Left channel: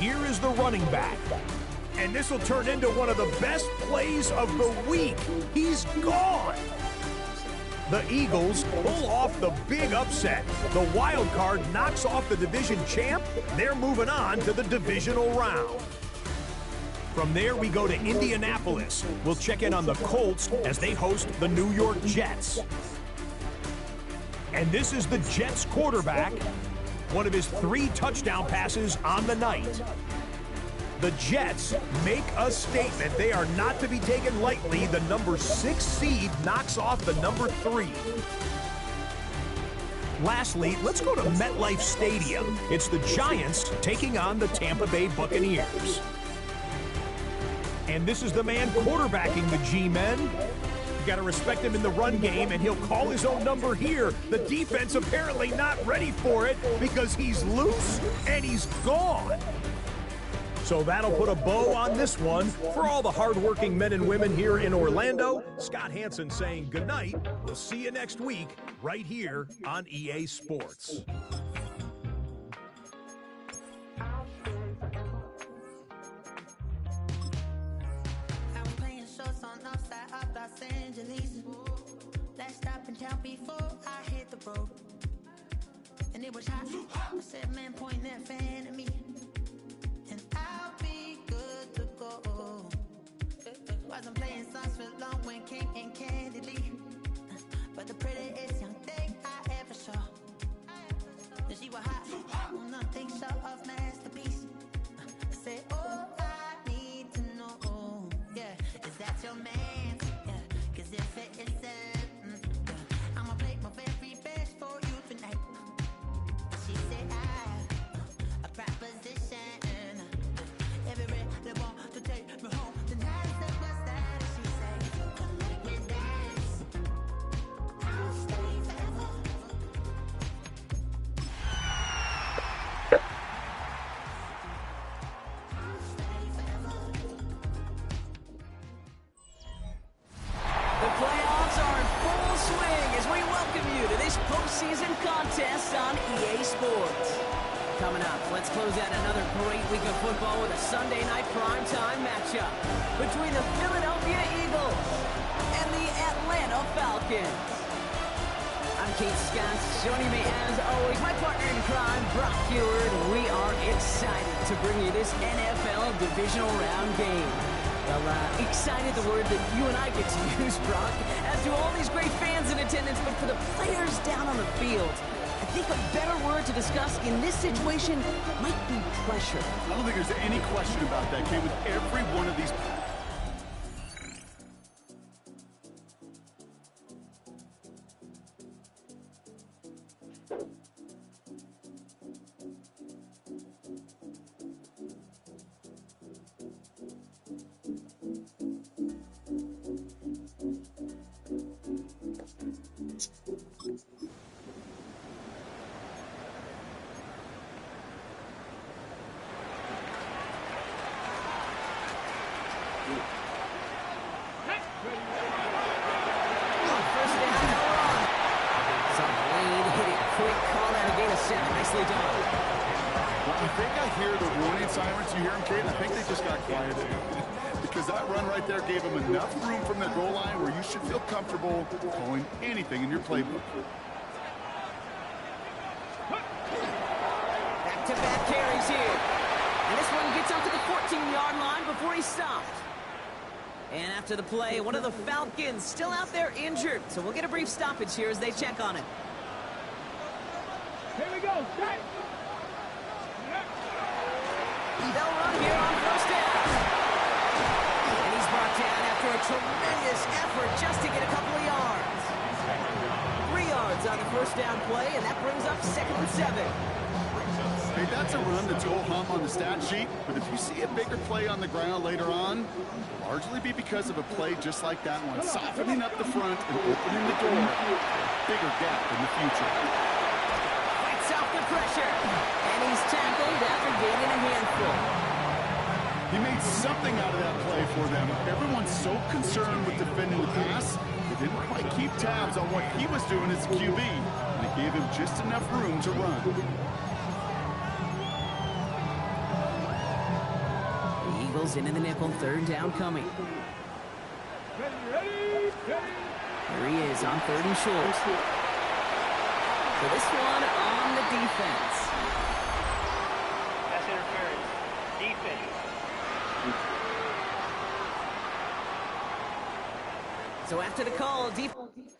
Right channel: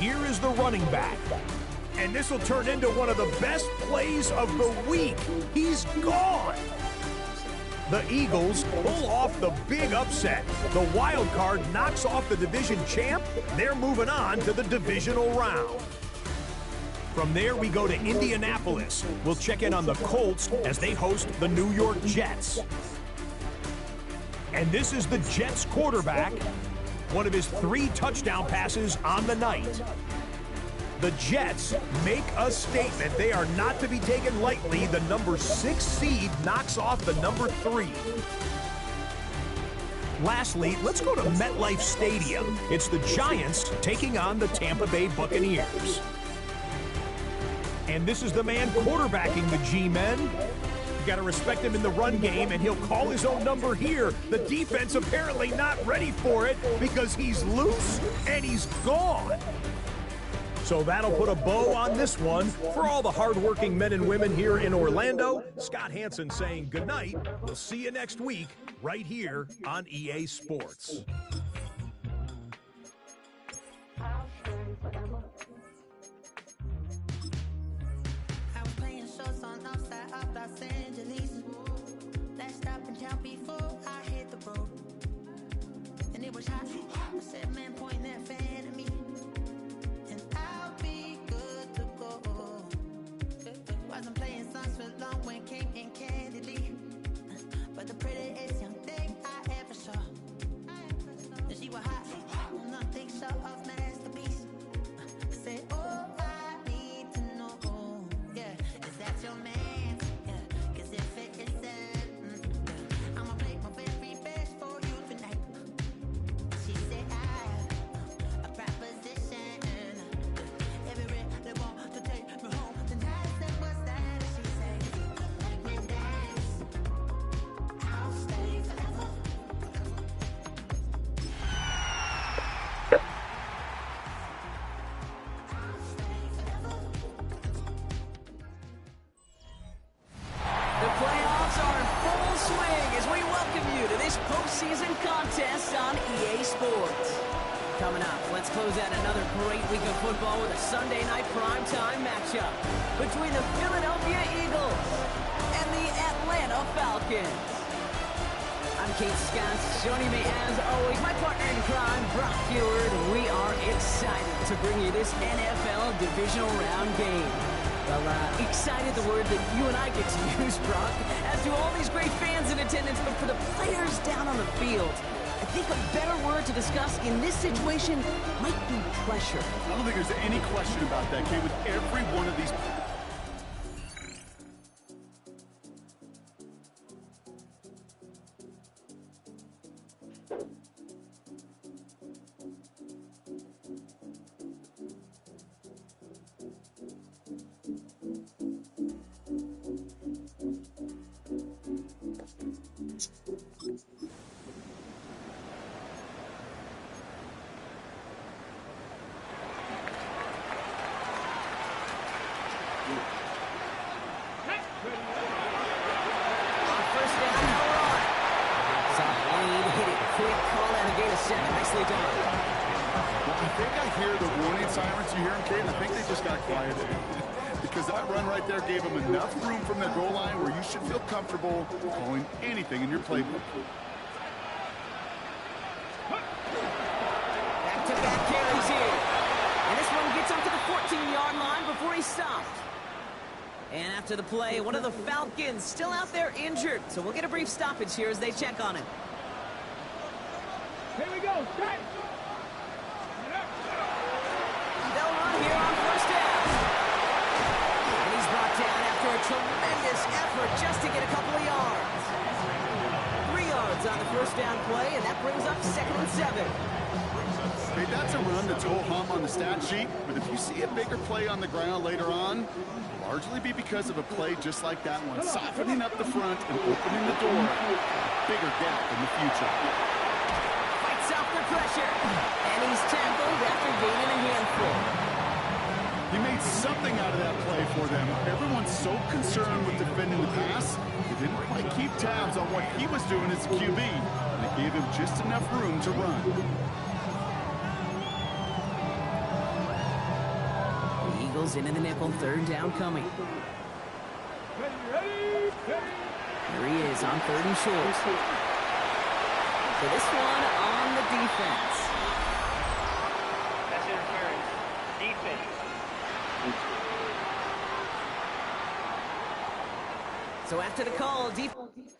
here is the running back. And this will turn into one of the best plays of the week. He's gone. The Eagles pull off the big upset. The wild card knocks off the division champ. They're moving on to the divisional round. From there, we go to Indianapolis. We'll check in on the Colts as they host the New York Jets. And this is the Jets quarterback, one of his 3 touchdown passes on the night. The Jets make a statement. They are not to be taken lightly. The number 6 seed knocks off the number 3. Lastly, let's go to MetLife Stadium. It's the Giants taking on the Tampa Bay Buccaneers. And this is the man quarterbacking the G-men. You got to respect him in the run game, and he'll call his own number here. The defense apparently not ready for it because he's loose and he's gone. So that'll put a bow on this one. For all the hardworking men and women here in Orlando, Scott Hansen saying goodnight. We'll see you next week right here on EA Sports. Los Angeles. Last stop in town before I hit the road. And it was hot. I said, man, point that fan at me. And I'll be good to go. Wasn't playing songs for long when came in candidly. But the prettiest young thing I ever saw. And she was hot. Nothing short of masterpiece. I said, oh, I need to know. Yeah, is that your man? If it isn't, I'ma play my very best for you tonight. She said I have a proposition. Everywhere they want to take me home tonight. I said, what's that? She said, if you come let me dance, I'll stay forever. I'll stay forever. The playoffs are in full swing as we welcome you to this postseason contest on EA Sports. Coming up, let's close out another great week of football with a Sunday night primetime matchup between the Philadelphia Eagles and the Atlanta Falcons. I'm Kate Scott. Joining me as always, my partner in crime, Brock Heward. We are excited to bring you this NFL divisional round game. Well, excited, the word that you and I get to use, Brock, as do all these great fans in attendance, but for the players down on the field, I think a better word to discuss in this situation might be pressure. I don't think there's any question about that, Kate, with every one of these... Nicely done. Well, I think I hear the warning sirens. You hear them, Kate? I think they just got quieted. Because that run right there gave them enough room from their goal line where you should feel comfortable calling anything in your playbook. Back-to-back carries here. And this one gets up to the 14-yard line before he's stopped. And after the play, one of the Falcons still out there injured. So we'll get a brief stoppage here as they check on him. Here we go, set! They'll run here on first down. And he's brought down after a tremendous effort just to get a couple of yards. 3 yards on the first down play, and that brings up 2nd and 7. Hey, that's a run that's ho-hum on the stat sheet, but if you see a bigger play on the ground later on, it'll largely be because of a play just like that one, softening up the front and opening the door. Bigger gap in the future. Off the pressure, and he's tackled after gaining a handful. He made something out of that play for them. Everyone's so concerned with defending the pass, they didn't quite keep tabs on what he was doing as a QB, and it gave him just enough room to run. tackles into the nickel. Third down coming. There he is on 3rd and short. So this one on the defense. Pass interference. Defense. So after the call, defense.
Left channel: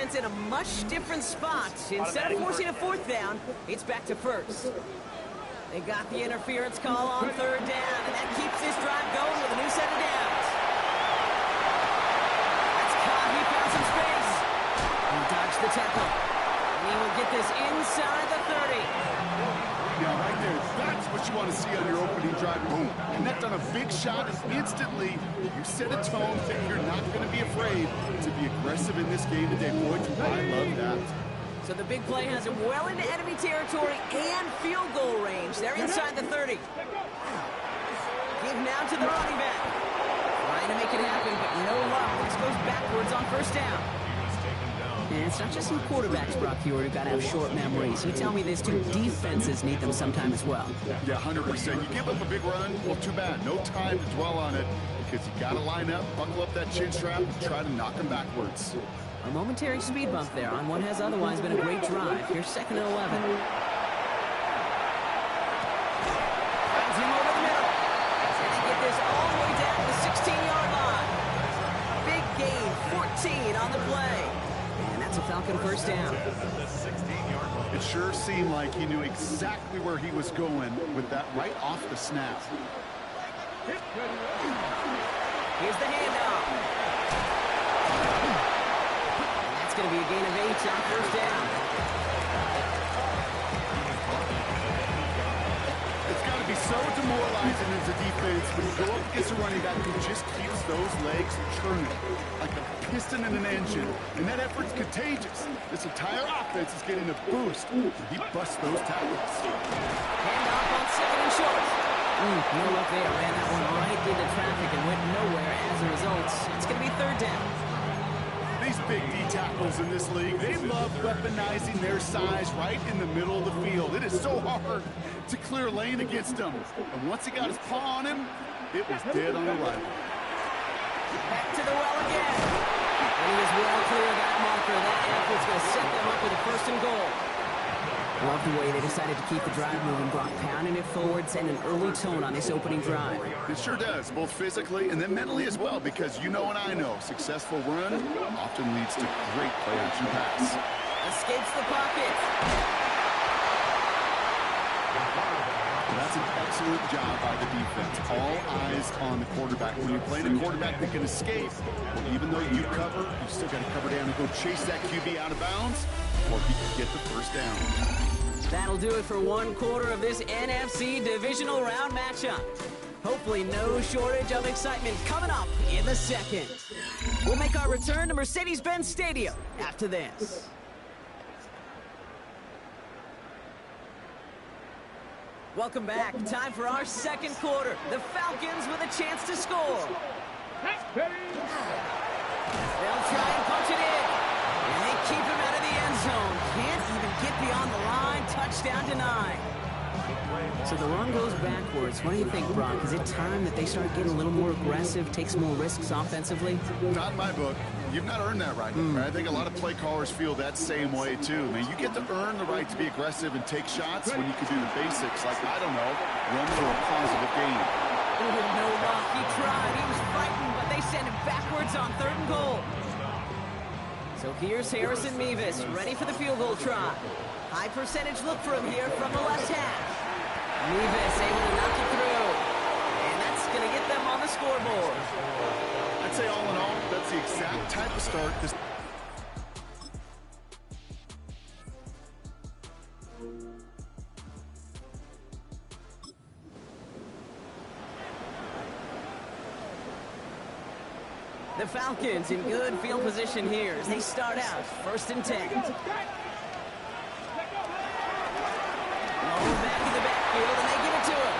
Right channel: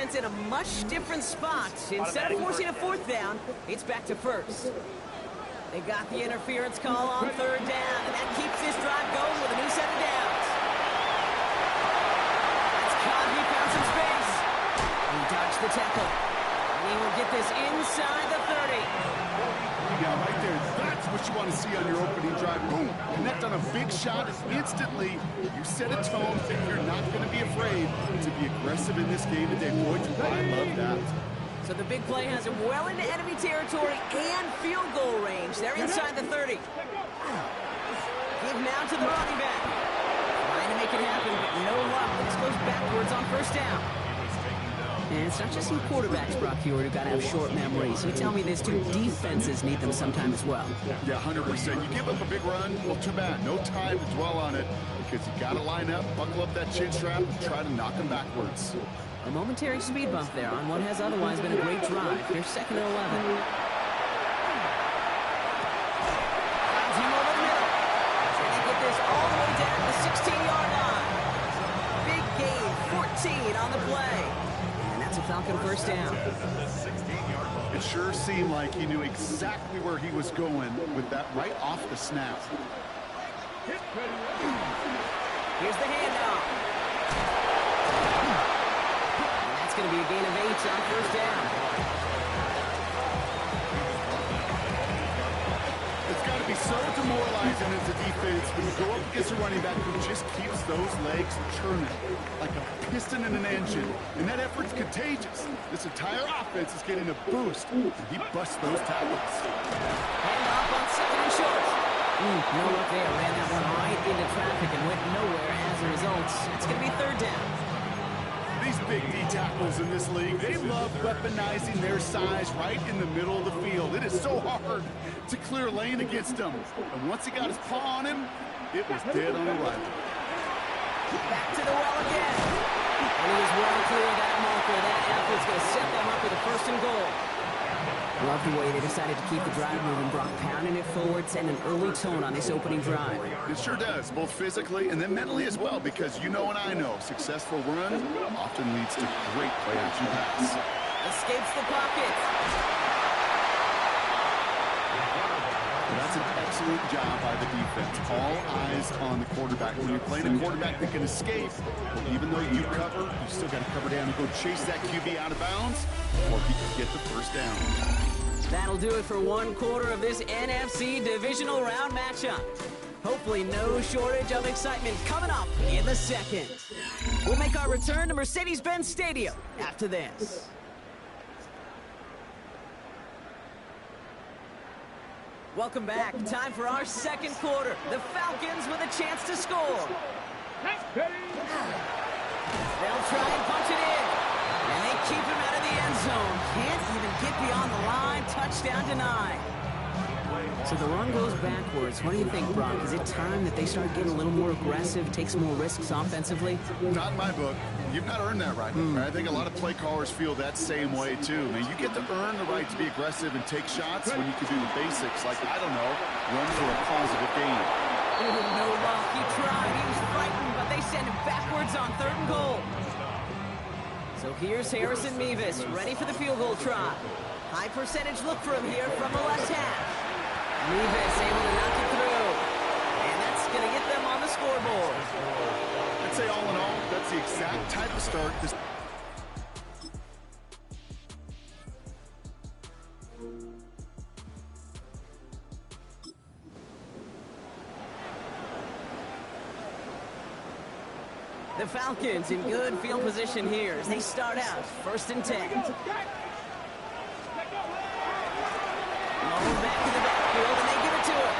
It's in a much different spot. Instead of forcing a 4th down, it's back to 1st. They got the interference call on 3rd down, and that keeps this drive going with a new set of downs. That's caught. He found some space. He dodged the tackle. And he will get this inside the 30. Yeah, right there. That's what you want to see on your opening drive. Boom! Connect on a big shot, and instantly you set a tone that you're not going to be afraid to be aggressive in this game today. Boy, do I love that. So the big play has him well into enemy territory and field goal range. They're inside the 30. Give now to the running back. Trying to make it happen, but no luck. This goes backwards on 1st down. And it's not just some quarterbacks, Brock Hewitt, who got to have short memories. You tell me these two defenses need them sometime as well. Yeah, 100%. You give up a big run, well, too bad. No time to dwell on it because you got to line up, buckle up that chin strap, and try to knock them backwards. A momentary speed bump there on what has otherwise been a great drive. Here's 2nd and 11. Finds him over the middle. And they get this all the way down to the 16-yard line. Big gain, 14 on the play. And that's a Falcon 1st down. It sure seemed like he knew exactly where he was going with that right off the snap. Here's the handoff. And that's going to be a gain of 8 on 1st down. It's got to be so demoralizing as a defense when you go up against a running back who just keeps those legs churning like a piston in an engine. And that effort's contagious. This entire offense is getting a boost. And he busts those tackles. Handoff on 2nd and short. No luck there. Ran that one right into traffic and went nowhere as a result. It's going to be 3rd down. These big D tackles in this league, they love weaponizing their size right in the middle of the field. It is so hard to clear lane against them. And once he got his paw on him, it was dead on arrival. Back to the well again. And he is well clear of that marker. That effort's going to set them up with a 1st and goal. Love the way they decided to keep the drive moving, Brock, pounding it forward, sending an early tone on this opening drive. It sure does, both physically and then mentally as well, because you know and I know, successful run often leads to great play-action pass. Escapes the pocket. That's an excellent job by the defense. All eyes on the quarterback. When you're playing a quarterback that can escape, well, even though you cover, you still got to cover down and go chase that QB out of bounds, or he can get the 1st down. That'll do it for 1/4 of this NFC divisional round matchup. Hopefully no shortage of excitement coming up in the second. We'll make our return to Mercedes-Benz Stadium after this. Welcome back. Time for our second quarter. The Falcons with a chance to score. They'll try and punch it in. And they keep him out of the end zone. Can't even get beyond the line. Touchdown denied. So the run goes backwards. What do you think, Brock? Is it time that they start getting a little more aggressive, take some more risks offensively? Not in my book. You've not earned that right. I think a lot of play callers feel that same way, too. Man, you get to earn the right to be aggressive and take shots when you can do the basics, like, I don't know, run for a positive gain. No luck. He tried. He was frightened, but they send him backwards on 3rd and goal. So here's Harrison Mevis, ready for the field goal try. High percentage look for him here from the left half. Mevis able to knock it through. And that's going to get them on the scoreboard. I'd say all in all, that's the exact type of start this... The Falcons in good field position here as they start out 1st and 10. Low back in the backfield, and they give it to him.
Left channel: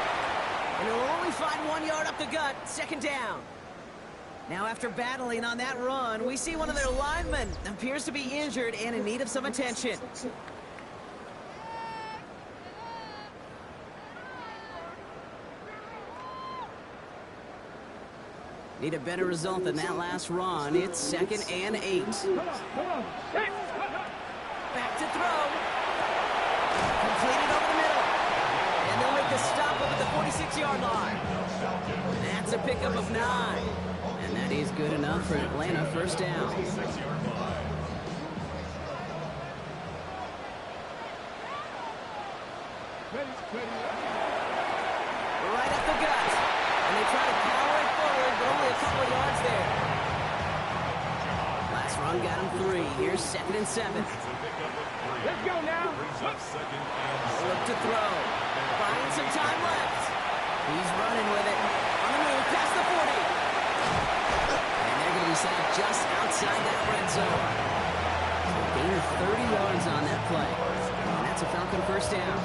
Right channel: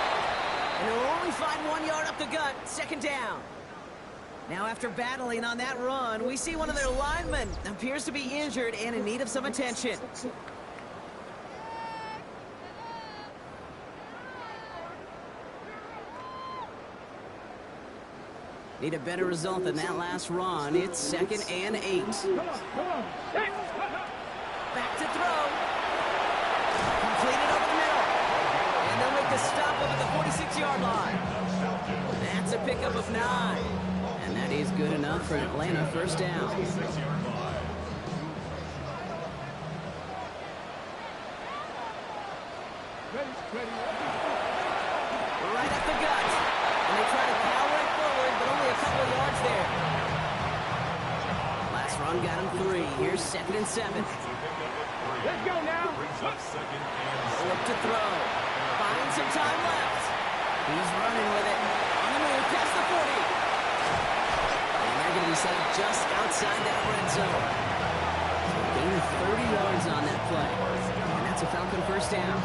And he'll only find 1 yard up the gut, 2nd down. Now after battling on that run, we see one of their linemen appears to be injured and in need of some attention. Need a better result than that last run. It's 2nd and 8. Back to throw. Completed over the middle. And they'll make the stop up at the 46-yard line. That's a pickup of 9. And that is good enough for Atlanta, 1st down. Right up the gut. And they try to power it forward, but only a couple of yards there. Last run got him 3. Here's 2nd and 7. Let's go now. Look to throw. Buying some time left. He's running with it. On the move, past the 40. And they're going to be set up just outside that red zone. So a gain of 30 yards on that play. And that's a Falcon 1st down.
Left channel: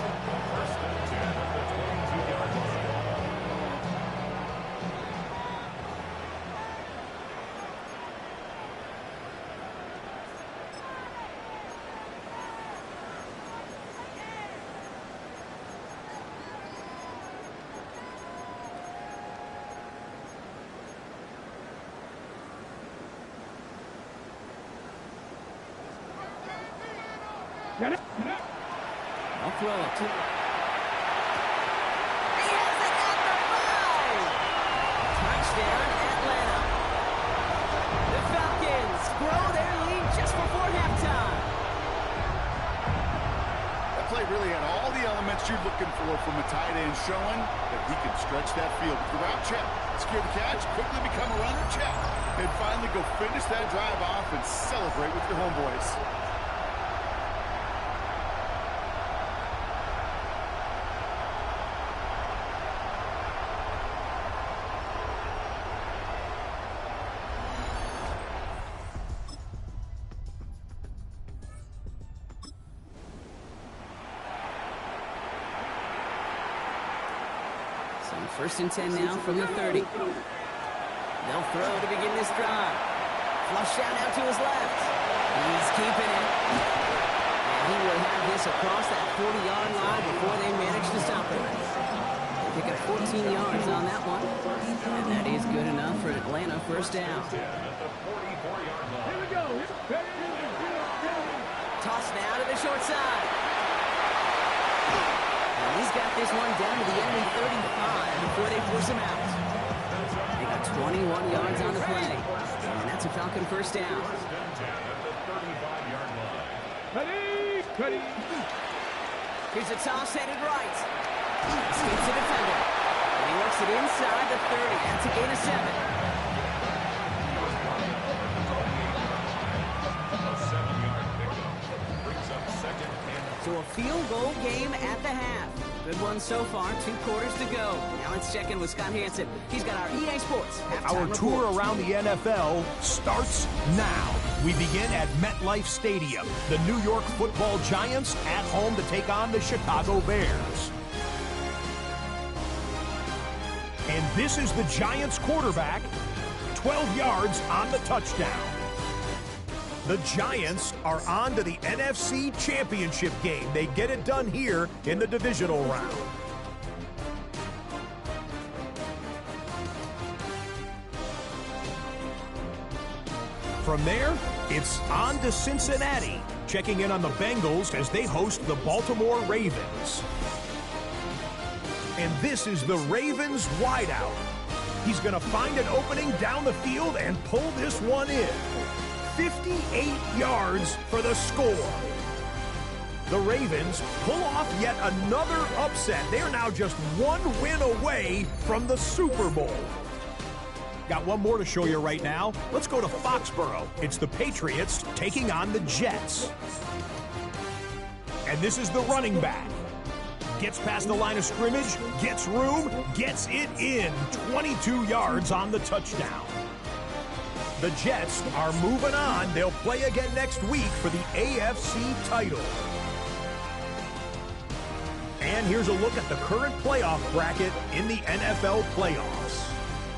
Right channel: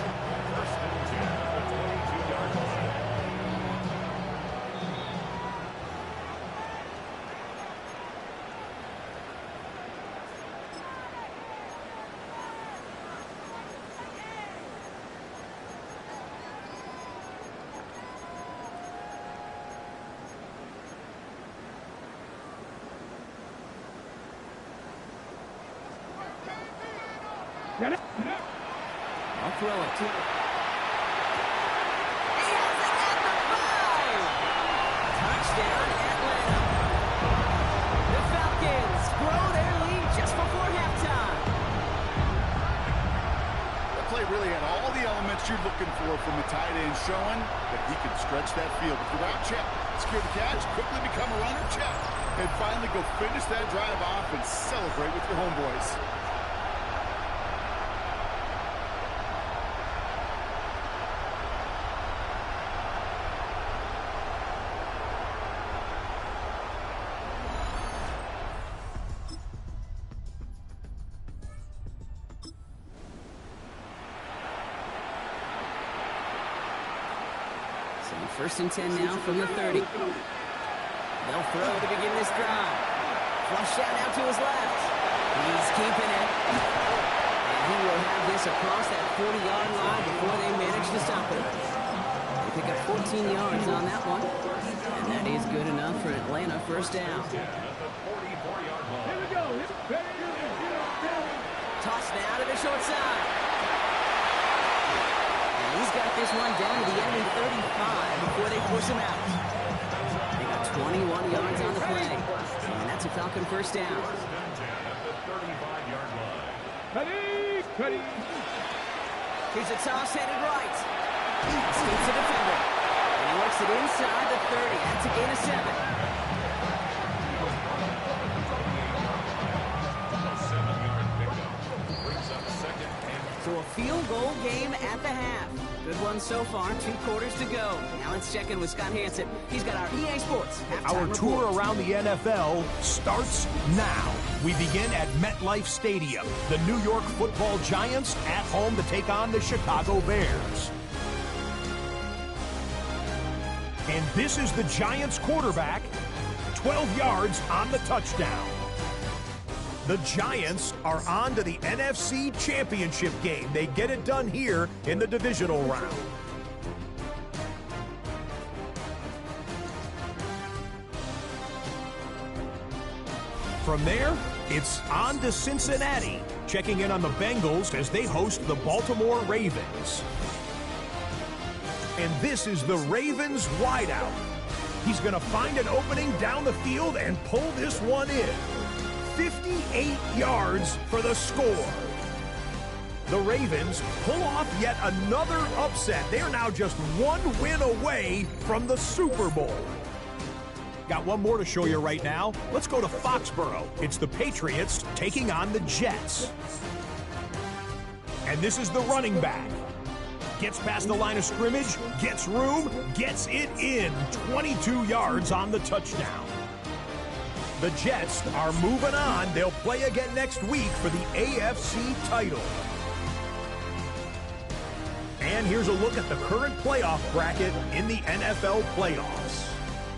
I'll throw it. He has it at the 5. Touchdown, Atlanta. The Falcons grow their lead just before halftime. That play really had all the elements you're looking for from a tight end, showing that he can stretch that field with the route check, secure the catch, quickly become a runner check, and finally go finish that drive off and celebrate with your homeboys. So 1st and 10 now from the 30. They'll throw to begin this drive. Flush down out to his left. He's keeping it. And he will have this across that 40-yard line before they manage to stop him. They pick up 14 yards on that one. And that is good enough for Atlanta, 1st down. Here we go. Toss now to the short side. And he's got this one down to the enemy 35 before they force him out. They got 21 yards on the play. And that's a Falcon 1st down. Ready. Here's a toss headed right. Escapes the defender. And he works it inside the 30. That's a gain of 7. So a field goal game at the half. Good one so far. 2 quarters to go. Now let's check in with Scott Hansen. He's got our EA Sports halftime Our tour report. around the NFL starts now. We begin at MetLife Stadium. The New York Football Giants at home to take on the Chicago Bears. And this is the Giants quarterback, 12 yards on the touchdown. The Giants are on to the NFC Championship game. They get it done here in the divisional round. From there, it's on to Cincinnati, checking in on the Bengals as they host the Baltimore Ravens. And this is the Ravens wideout. He's going to find an opening down the field and pull this one in. 58 yards for the score. The Ravens pull off yet another upset. They're now just 1 win away from the Super Bowl. Got one more to show you right now. Let's go to Foxborough. It's the Patriots taking on the Jets. And this is the running back. Gets past the line of scrimmage, gets room, gets it in. 22 yards on the touchdown. The Jets are moving on. They'll play again next week for the AFC title. And here's a look at the current playoff bracket in the NFL playoffs.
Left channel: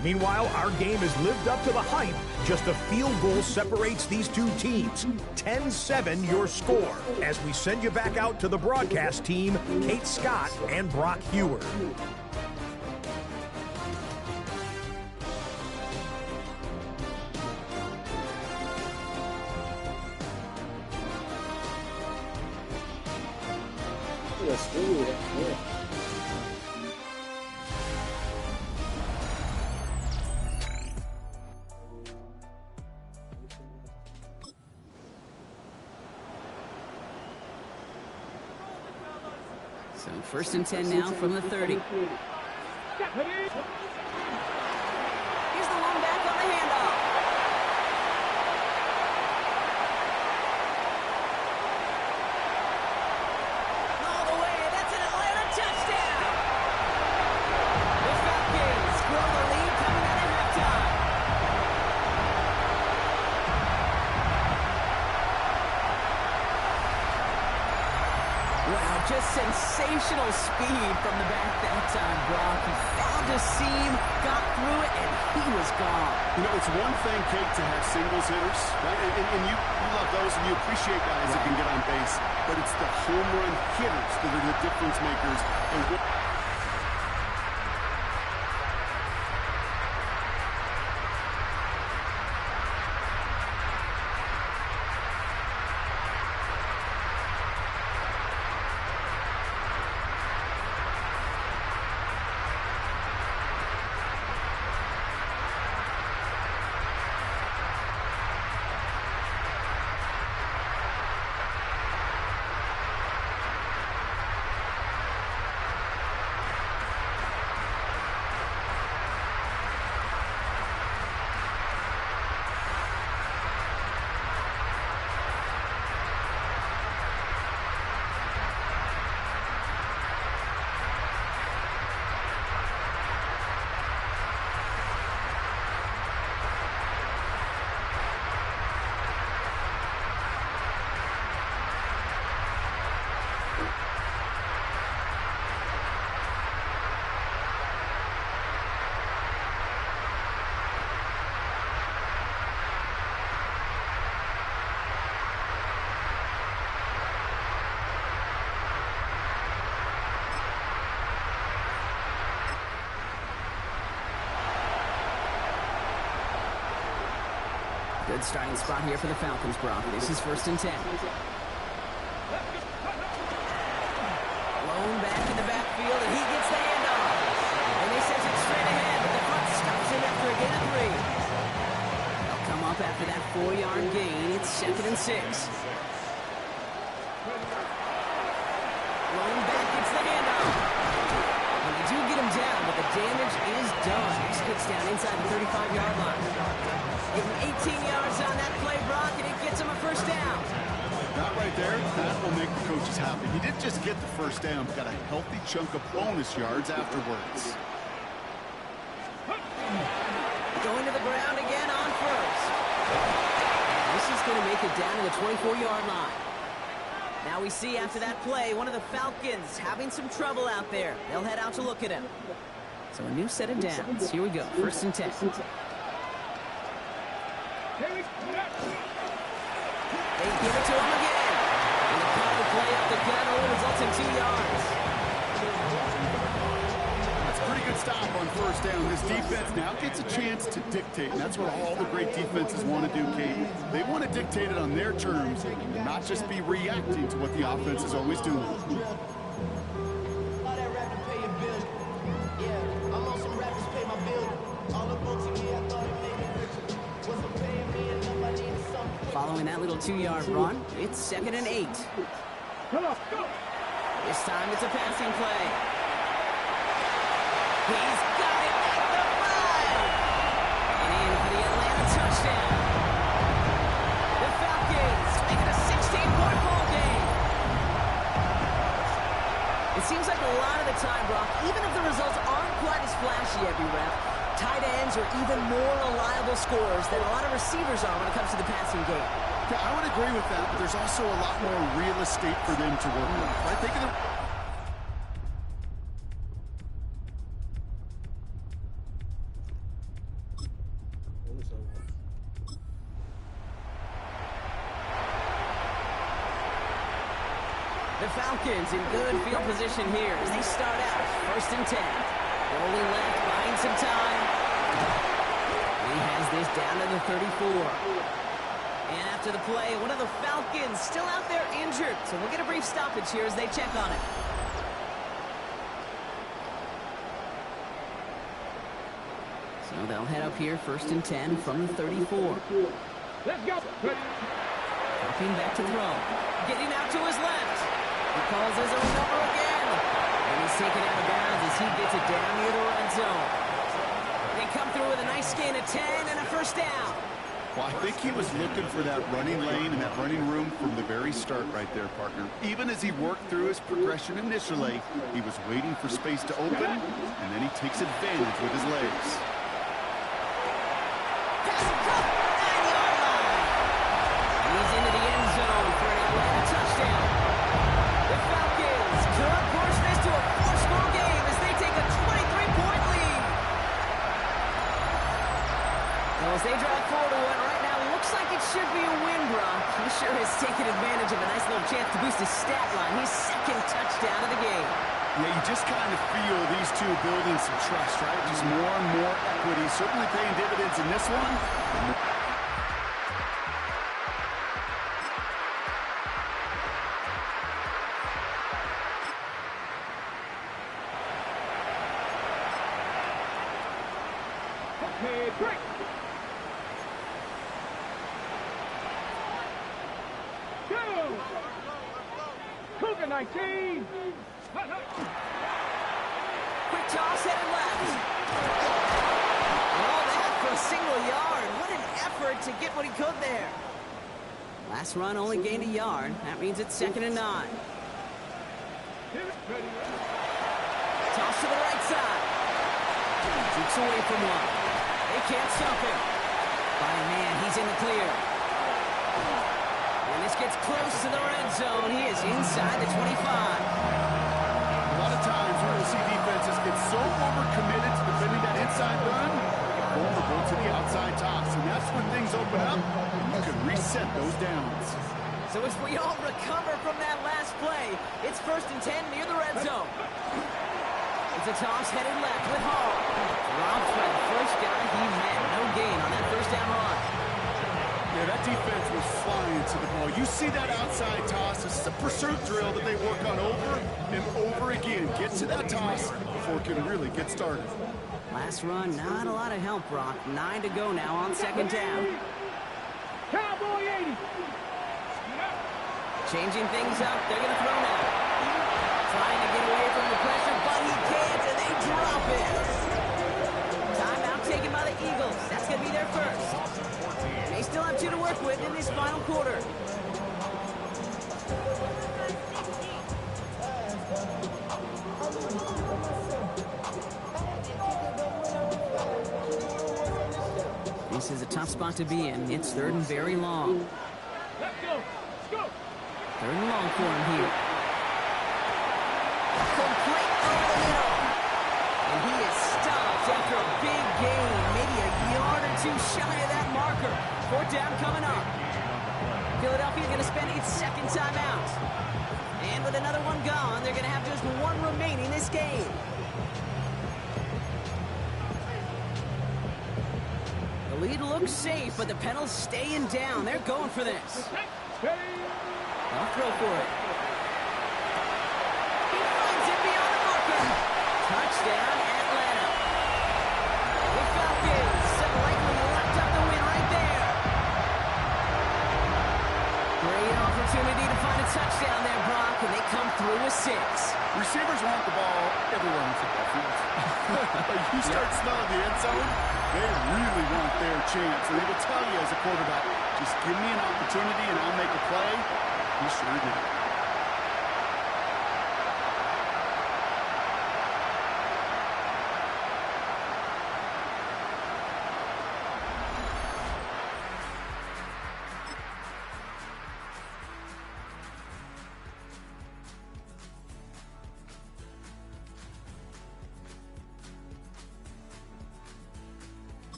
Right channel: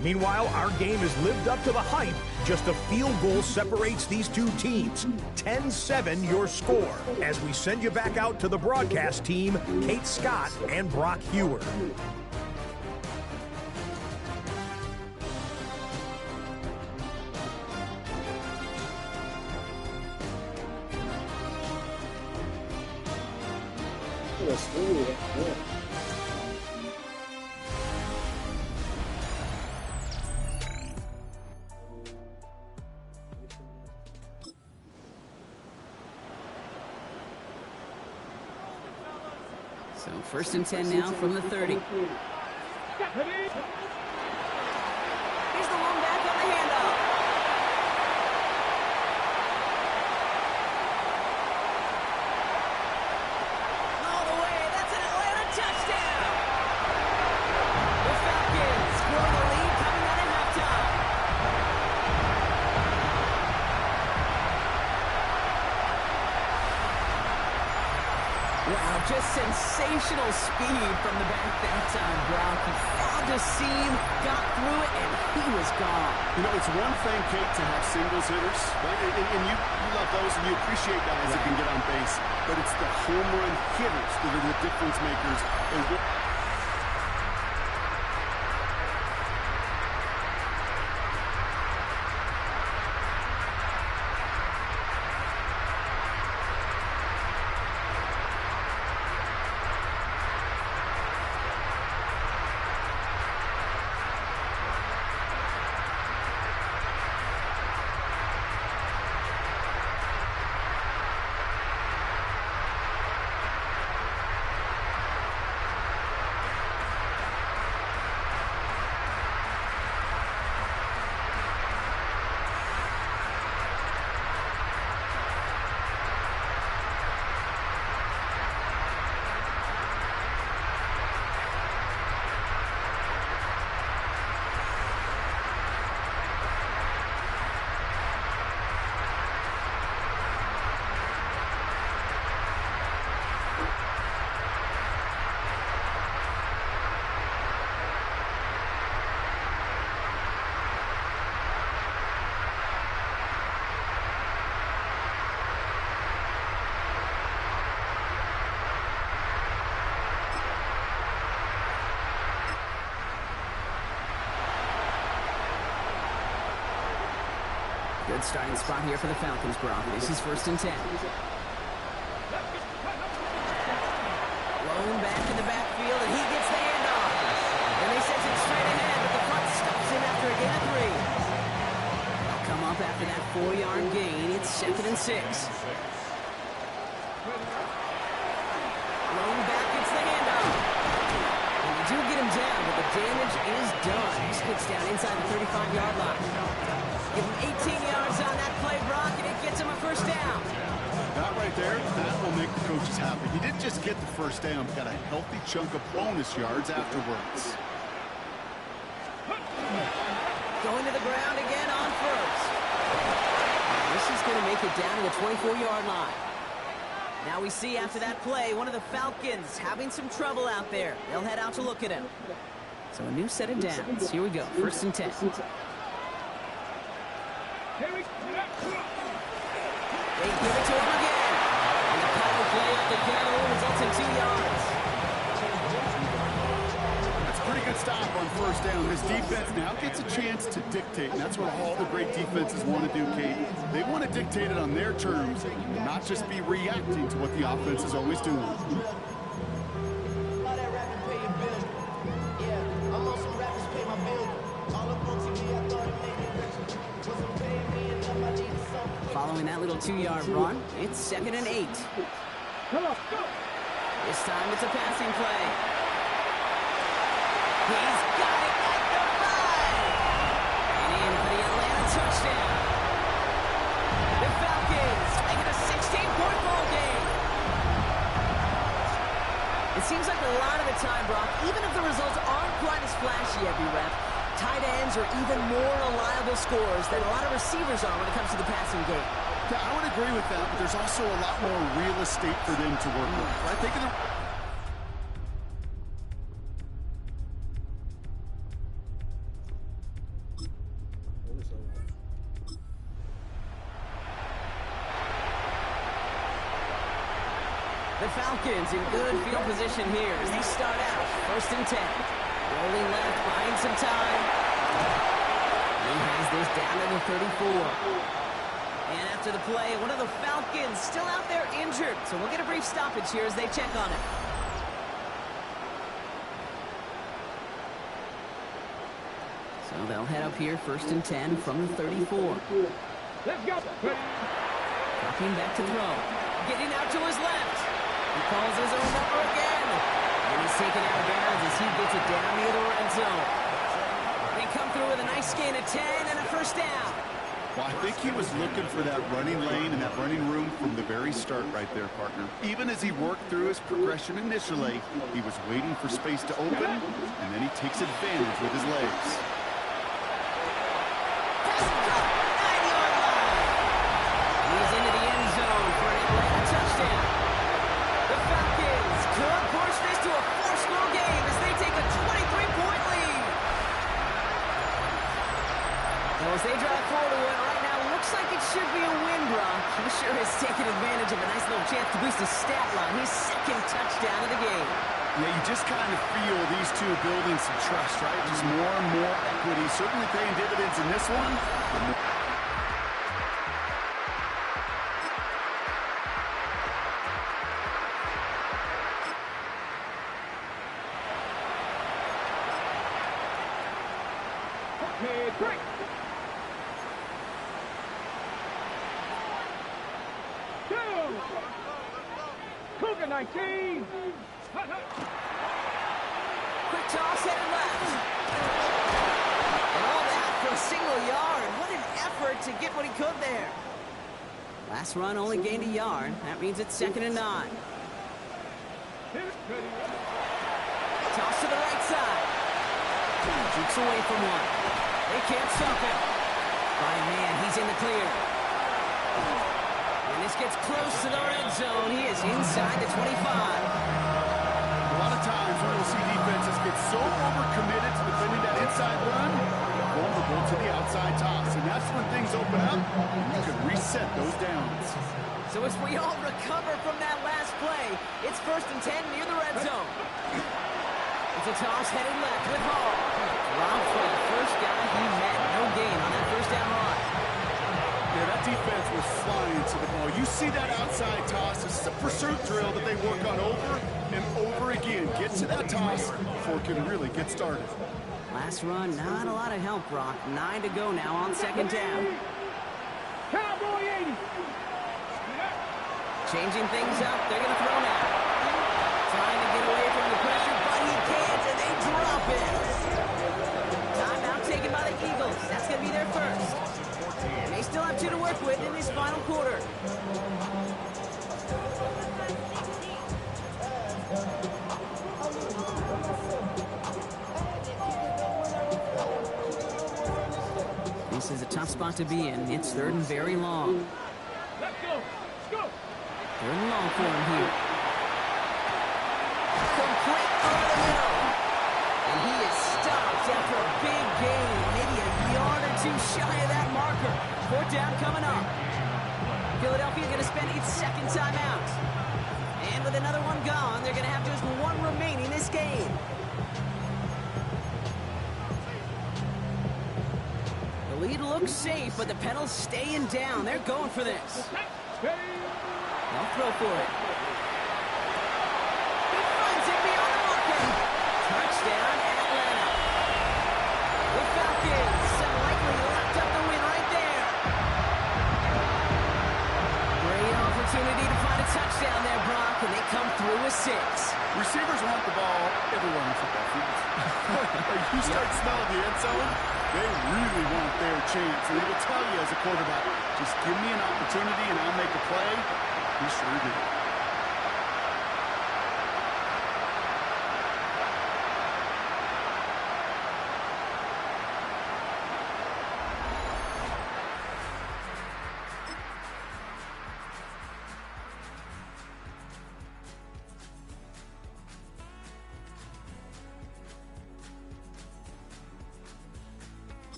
Meanwhile, our game has lived up to the hype. Just a field goal separates these two teams. 10-7 your score. As we send you back out to the broadcast team, Kate Scott and Brock Hewer. So 1st and 10 now from the 30. Here's the one back on the handoff. All the way, that's an Atlanta touchdown! The Falcons grow the lead coming out of halftime. Wow, just sensational speed from the back that time, Brock. He found a seam, got through it, and he was gone. You know, it's one thing, Kate, to have singles hitters, right? And you love those, and you appreciate guys that can get on base. But it's the home run hitters that are the difference makers. And Good starting spot here for the Falcons, Brock. This is 1st and 10. Lone back in the backfield, and he gets the handoff. And they send it straight ahead, but the front stops him after a gain of 3. They'll come up after that 4-yard gain. It's 2nd and 6. Lone back gets the handoff. And they do get him down, but the damage is done. He gets down inside the 35-yard line. Give him 18 yards on that play, Brock, and it gets him a 1st down. That right there, that will make the coaches happy. He didn't just get the first down, but got a healthy chunk of bonus yards afterwards. Going to the ground again on first. This is going to make it down to the 24-yard line. Now we see after that play, one of the Falcons having some trouble out there. They'll head out to look at him. So a new set of downs. Here we go, 1st and 10. They give it to him again. And the power play up the gut only results in 2 yards. That's a pretty good stop on first down. This defense now gets a chance to dictate, and that's what all the great defenses want to do, Kate. They want to dictate it on their terms and not just be reacting to what the offense is always doing. Following that little 2-yard run, it's 2nd and 8. Come on, go. This time it's a passing play. He's got it at the 5. And in for the Atlanta touchdown. The Falcons make it a 16-point ball game. It seems like a lot of the time, Brock, even if the results aren't quite as flashy every rep, tight ends are even more reliable scorers than a lot of receivers are when it comes to the passing game. Yeah, I would agree with that, but there's also a lot more real estate for them to work with. Right? Think of the... The Falcons in good field position here as they start out 1st and 10. Rolling left, buying some time. He has this down to the 34. And after the play, one of the Falcons still out there injured. So we'll get a brief stoppage here as they check on him. So they'll head up here 1st and 10 from the 34. Let's go. Dropping back to throw. Getting out to his left. He calls his own number again. And he's taken out of bounds as he gets it down near the red zone. They come through with a nice gain of 10 and a 1st down. Well, I think he was looking for that running lane and that running room from the very start right there, partner. Even as he worked through his progression initially, he was waiting for space to open, and then he takes advantage with his legs. Pass caught, 9-yard line. And he's into the end zone for an Atlanta touchdown. The Falcons could push this to a 4-score game as they take a 23-point lead. Now, as they drive forward to what right now looks like it should be a win, Brock, he sure has taken advantage of a nice little chance to boost his stat line. His 2nd touchdown of the game. Yeah, you just kind of feel these two building some trust, right? Just more and more equity. Certainly paying dividends in this one. Okay, break. Two. Cougar 19. Quick toss headed left. And all that for a single yard. What an effort to get what he could there. Last run only gained a yard. That means it's 2nd and 9. Toss to the right side. Jukes away from one. They can't stop him. By a man, he's in the clear. And this gets close to the red zone. He is inside the 25. A lot of times we will see defenses get so overcommitted to defending that inside run, vulnerable to the outside toss. And that's when things open up, and you can reset those downs. So as we all recover from that last play, it's 1st and 10 near the red zone. It's a toss headed left with Hall. Dropped by the first guy he met. No gain on that 1st down run. Yeah, that defense was flying to the ball. You see that outside toss. This is a pursuit drill that they work on over and over again. Get to that toss before it can really get started. Last run, not a lot of help, Brock. 9 to go now on 2nd down. Cowboy 80. Changing things up. They're going to throw now. Trying to get away from the pressure, but he can't, and they drop it. Timeout taken by the Eagles. That's going to be their 1st. And they still have 2 to work with in this final quarter. This is a tough spot to be in. It's third and very long. Let's go. Let's go. Third and long for him here. Complete over the middle. And he is stopped after a big gain. Maybe a yard or two shy of that marker. Fourth down coming up. Philadelphia going to spend its second timeout. And with another one gone, they're going to have just one remaining this game. The lead looks safe, but the pedal's staying down. They're going for this. They'll throw for it. He finds it beyond the marker. Touchdown, Atlanta. The Falcons have likely locked up the win right there. Great opportunity to find a touchdown there, Brock, and they come through with 6. Receivers want the ball everywhere in the football field. Like you start smelling the end zone, they really want their chance. And they will tell you as a quarterback, just give me an opportunity and I'll make a play. He sure did.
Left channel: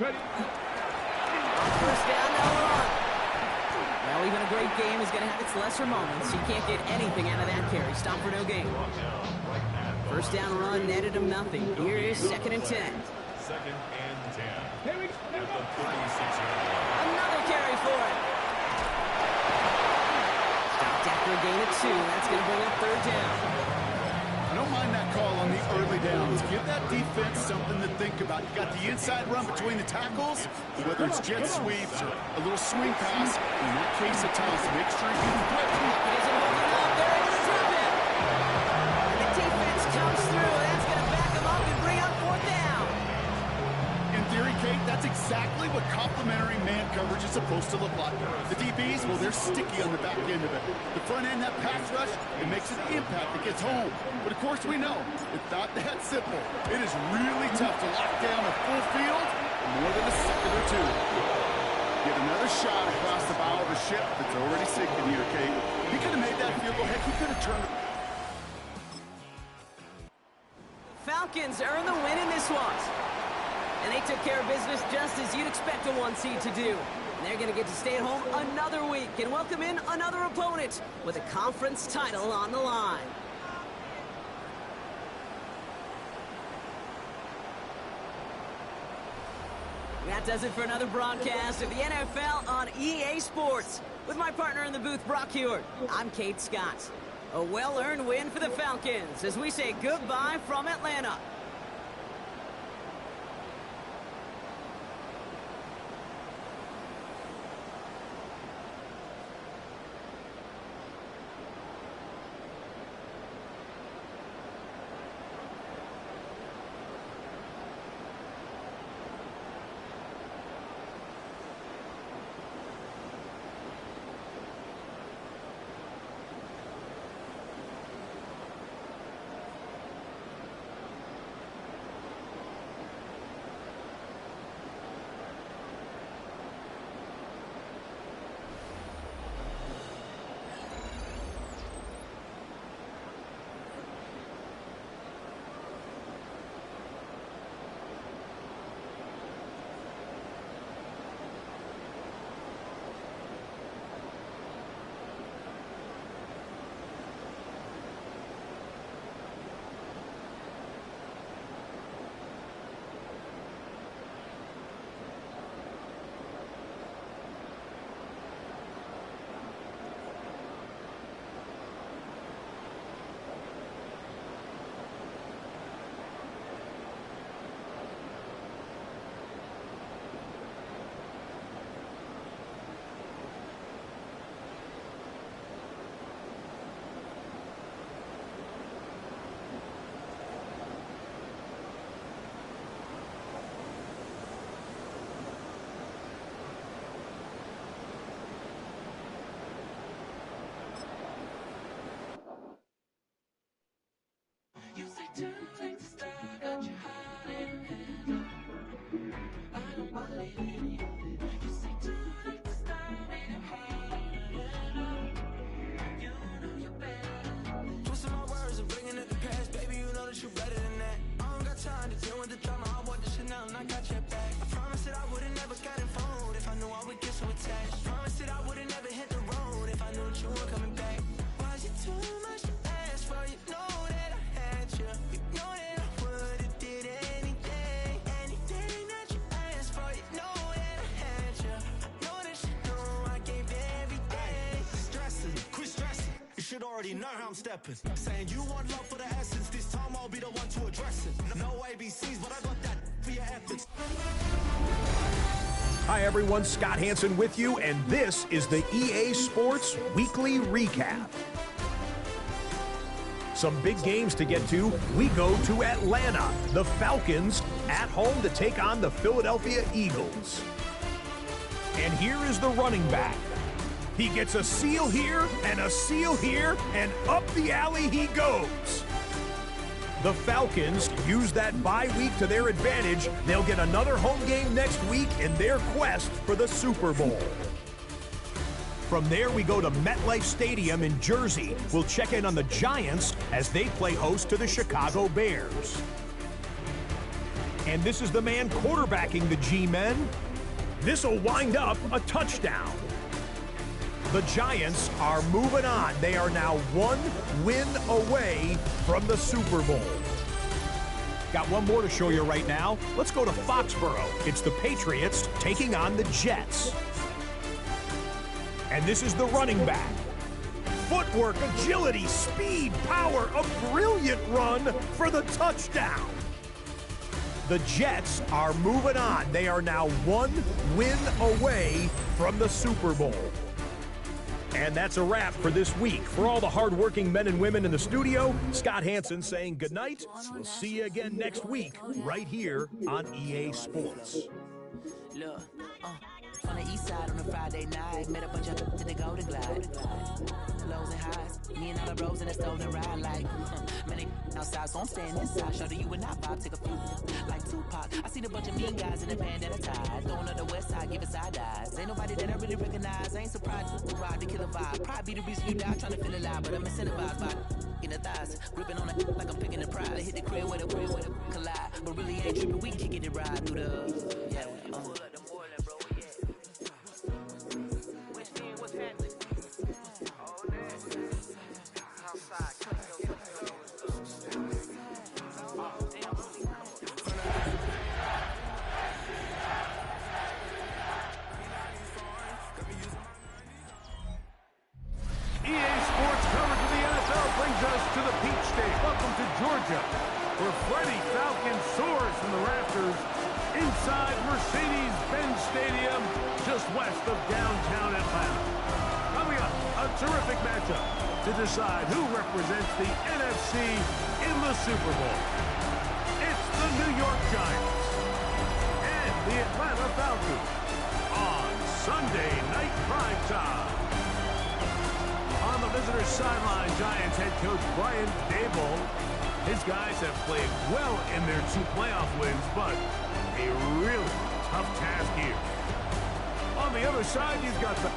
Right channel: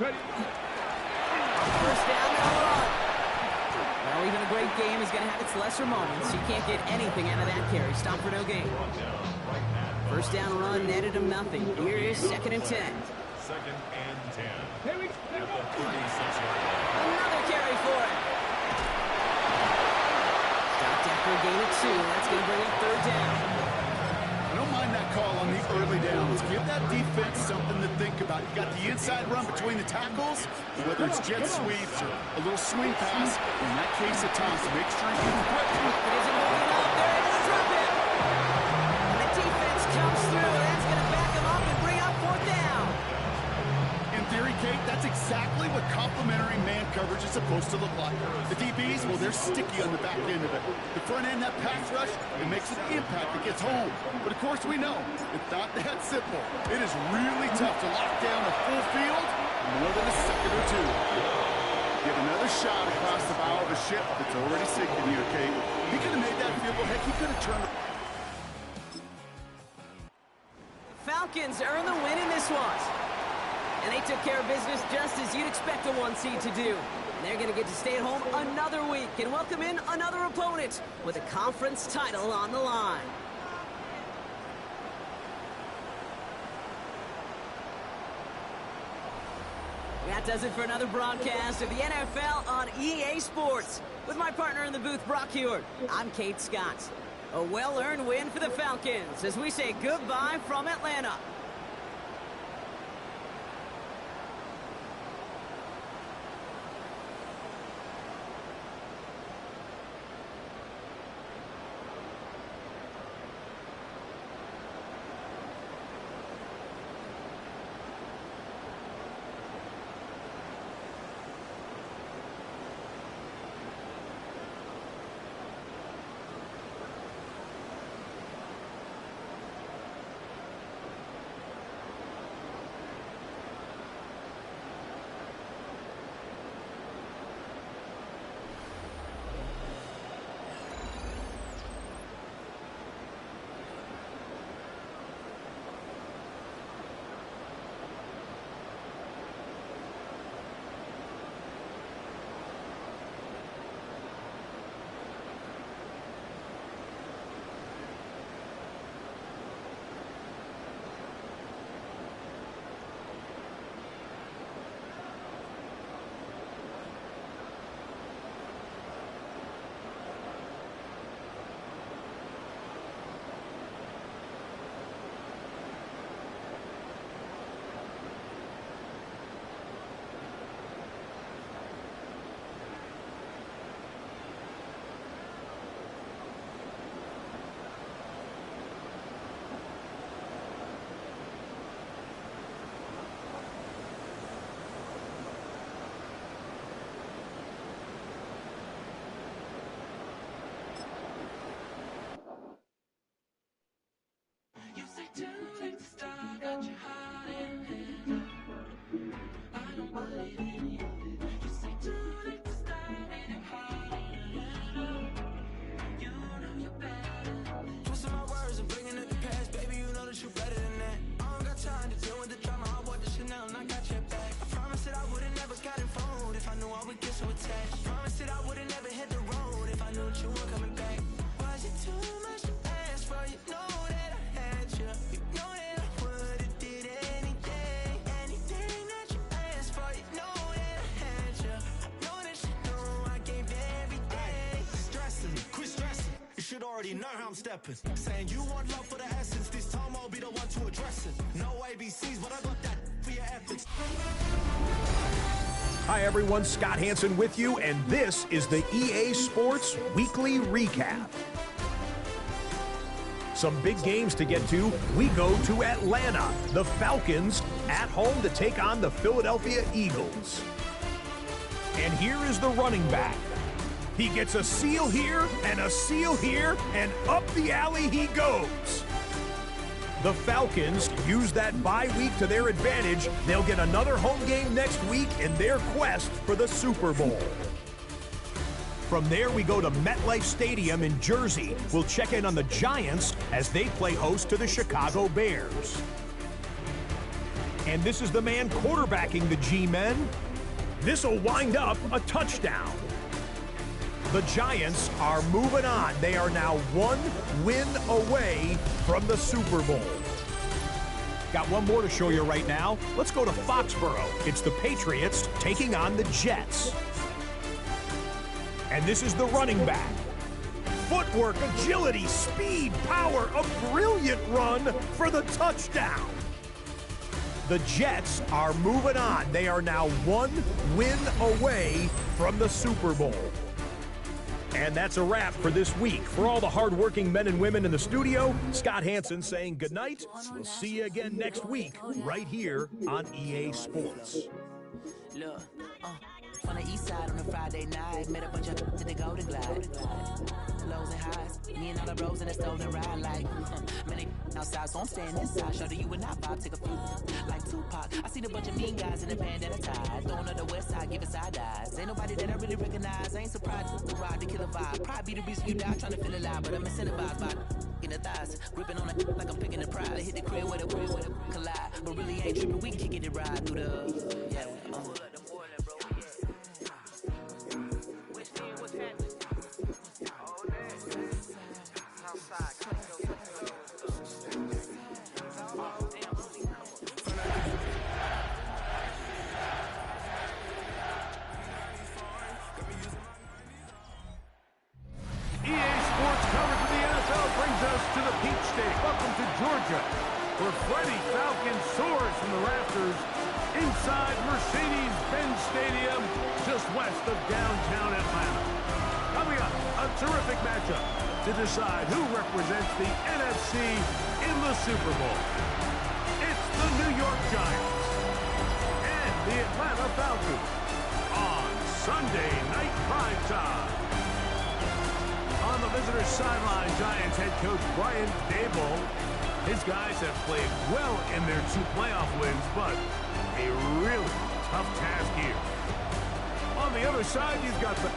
Ready. First down, they'll run. Well, even a great game is going to have its lesser moments. You can't get anything out of that carry. Stop for no gain. First down run netted him nothing. Here is 2nd and 10. 2nd and 10. Here we go. At the 36-yard line. Another carry for him. Stopped after a gain of 2. That's going to bring up 3rd down. I don't mind that call on the early downs. Give that defense something to think about. You got the inside run between the tackles, whether it's jet sweeps or a little swing pass. In that case of Thomas, make sure you can quit. It isn't holding up. They're able to drop him. And the defense comes through. That's going to back him up and bring up 4th down. In theory, Kate, that's exactly what complementary man coverage is supposed to look like. The DBs, well, they're sticky on the back end of it. The front end, that pass rush, it makes an impact that gets home. But of course we know, it's not that simple. It is really tough to lock down a full field for more than a second or two. Get another shot across the bow of a ship that's already sinking here, Kate. He could have made that field goal. Heck, he could have turned. Falcons earn the win in this one. And they took care of business just as you'd expect a 1 seed to do. And they're going to get to stay at home another week and welcome in another opponent with a conference title on the line. That does it for another broadcast of the NFL on EA Sports. With my partner in the booth, Brock Hewitt, I'm Kate Scott. A well-earned win for the Falcons as we say goodbye from Atlanta. Twisting my words and bringing it to pass, baby, you know that you better than that. I don't got time to deal with the drama, I want the Chanel and I got your back. I promised that I would've never gotten phoned if I knew I would get so attached. I promised that I would've never hit the road if I knew that you weren't coming back. Was it too much to ask for? You know that I had you. You know that I would've did anything, anything that you asked for. You know that I had you. I know that you know I gave everything. Stressing, quit stressing. You should already know how I'm stepping. Saying you want love for the essence. This time I'll be the one to address it. No ABCs, but I got that for your efforts. Hi everyone, Scott Hansen with you, and this is the EA Sports Weekly Recap. Some big games to get to. We go to Atlanta. The Falcons at home to take on the Philadelphia Eagles. And here is the running back. He gets a seal here and a seal here, and up the alley he goes. The Falcons use that bye week to their advantage. They'll get another home game next week in their quest for the Super Bowl. From there, we go to MetLife Stadium in Jersey. We'll check in on the Giants as they play host to the Chicago Bears. And this is the man quarterbacking the G-men. This will wind up a touchdown. The Giants are moving on. They are now one win away from the Super Bowl. Got one more to show you right now. Let's go to Foxborough. It's the Patriots taking on the Jets. And this is the running back. Footwork, agility, speed, power, a brilliant run for the touchdown. The Jets are moving on. They are now one win away from the Super Bowl. And that's a wrap for this week. For all the hardworking men and women in the studio, Scott Hansen saying goodnight. We'll see you again next week, right here on EA Sports. Look, on the east side on a Friday night, met a bunch of to the Golden Glide. Lows and highs, me and all the bros in the stolen ride like many outside, so I'm staying inside. Show that you and I vibe, take a few like Tupac. I seen a bunch of mean guys in the band that are tied, throwing up the west side, giving side eyes. Ain't nobody that I really recognize. I ain't surprised to ride the killer vibe. Probably be the reason you die trying to feel alive, but I'm incentivized by in the thighs, gripping on it like I'm picking the prize. I hit the crib with a collide, but really ain't tripping. We kicking it right through the yeah. EA Sports coverage of the NFL brings us to the Peach State. Welcome to Georgia, where Freddie Falcon soars from the rafters inside Mercedes-Benz Stadium, just west of downtown Atlanta. Coming up, a terrific matchup to decide who represents the NFC in the Super Bowl. It's the New York Giants and the Atlanta Falcons on Sunday Night Prime Time. On the visitor's sideline, Giants head coach Brian Daboll. His guys have played well in their 2 playoff wins, but a really tough task here. On the other side, you've got the...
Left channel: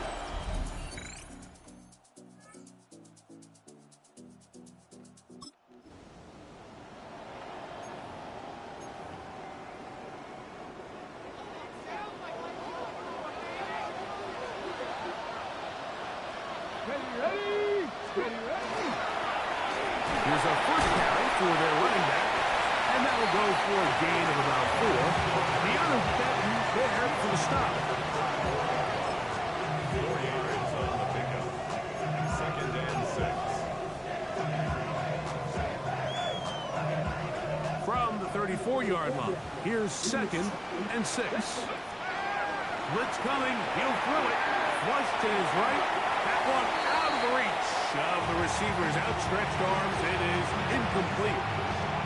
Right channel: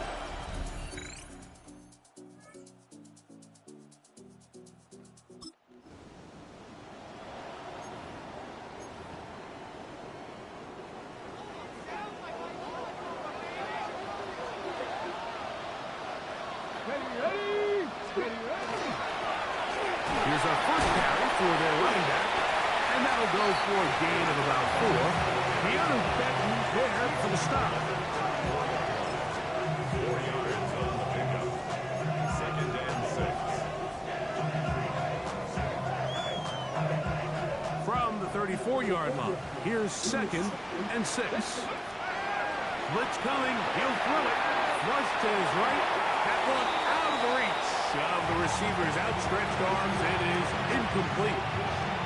Here's our first carry for their running back, and that'll go for a gain of about 4. De'Aaron Benton there for the stop. 4 yards on the pickup. 2nd and 6. From the 34-yard line, here's 2nd and 6. Blitz coming, he'll throw it. Flush to his right. That one out of the reach of the receiver's outstretched arms. It is incomplete.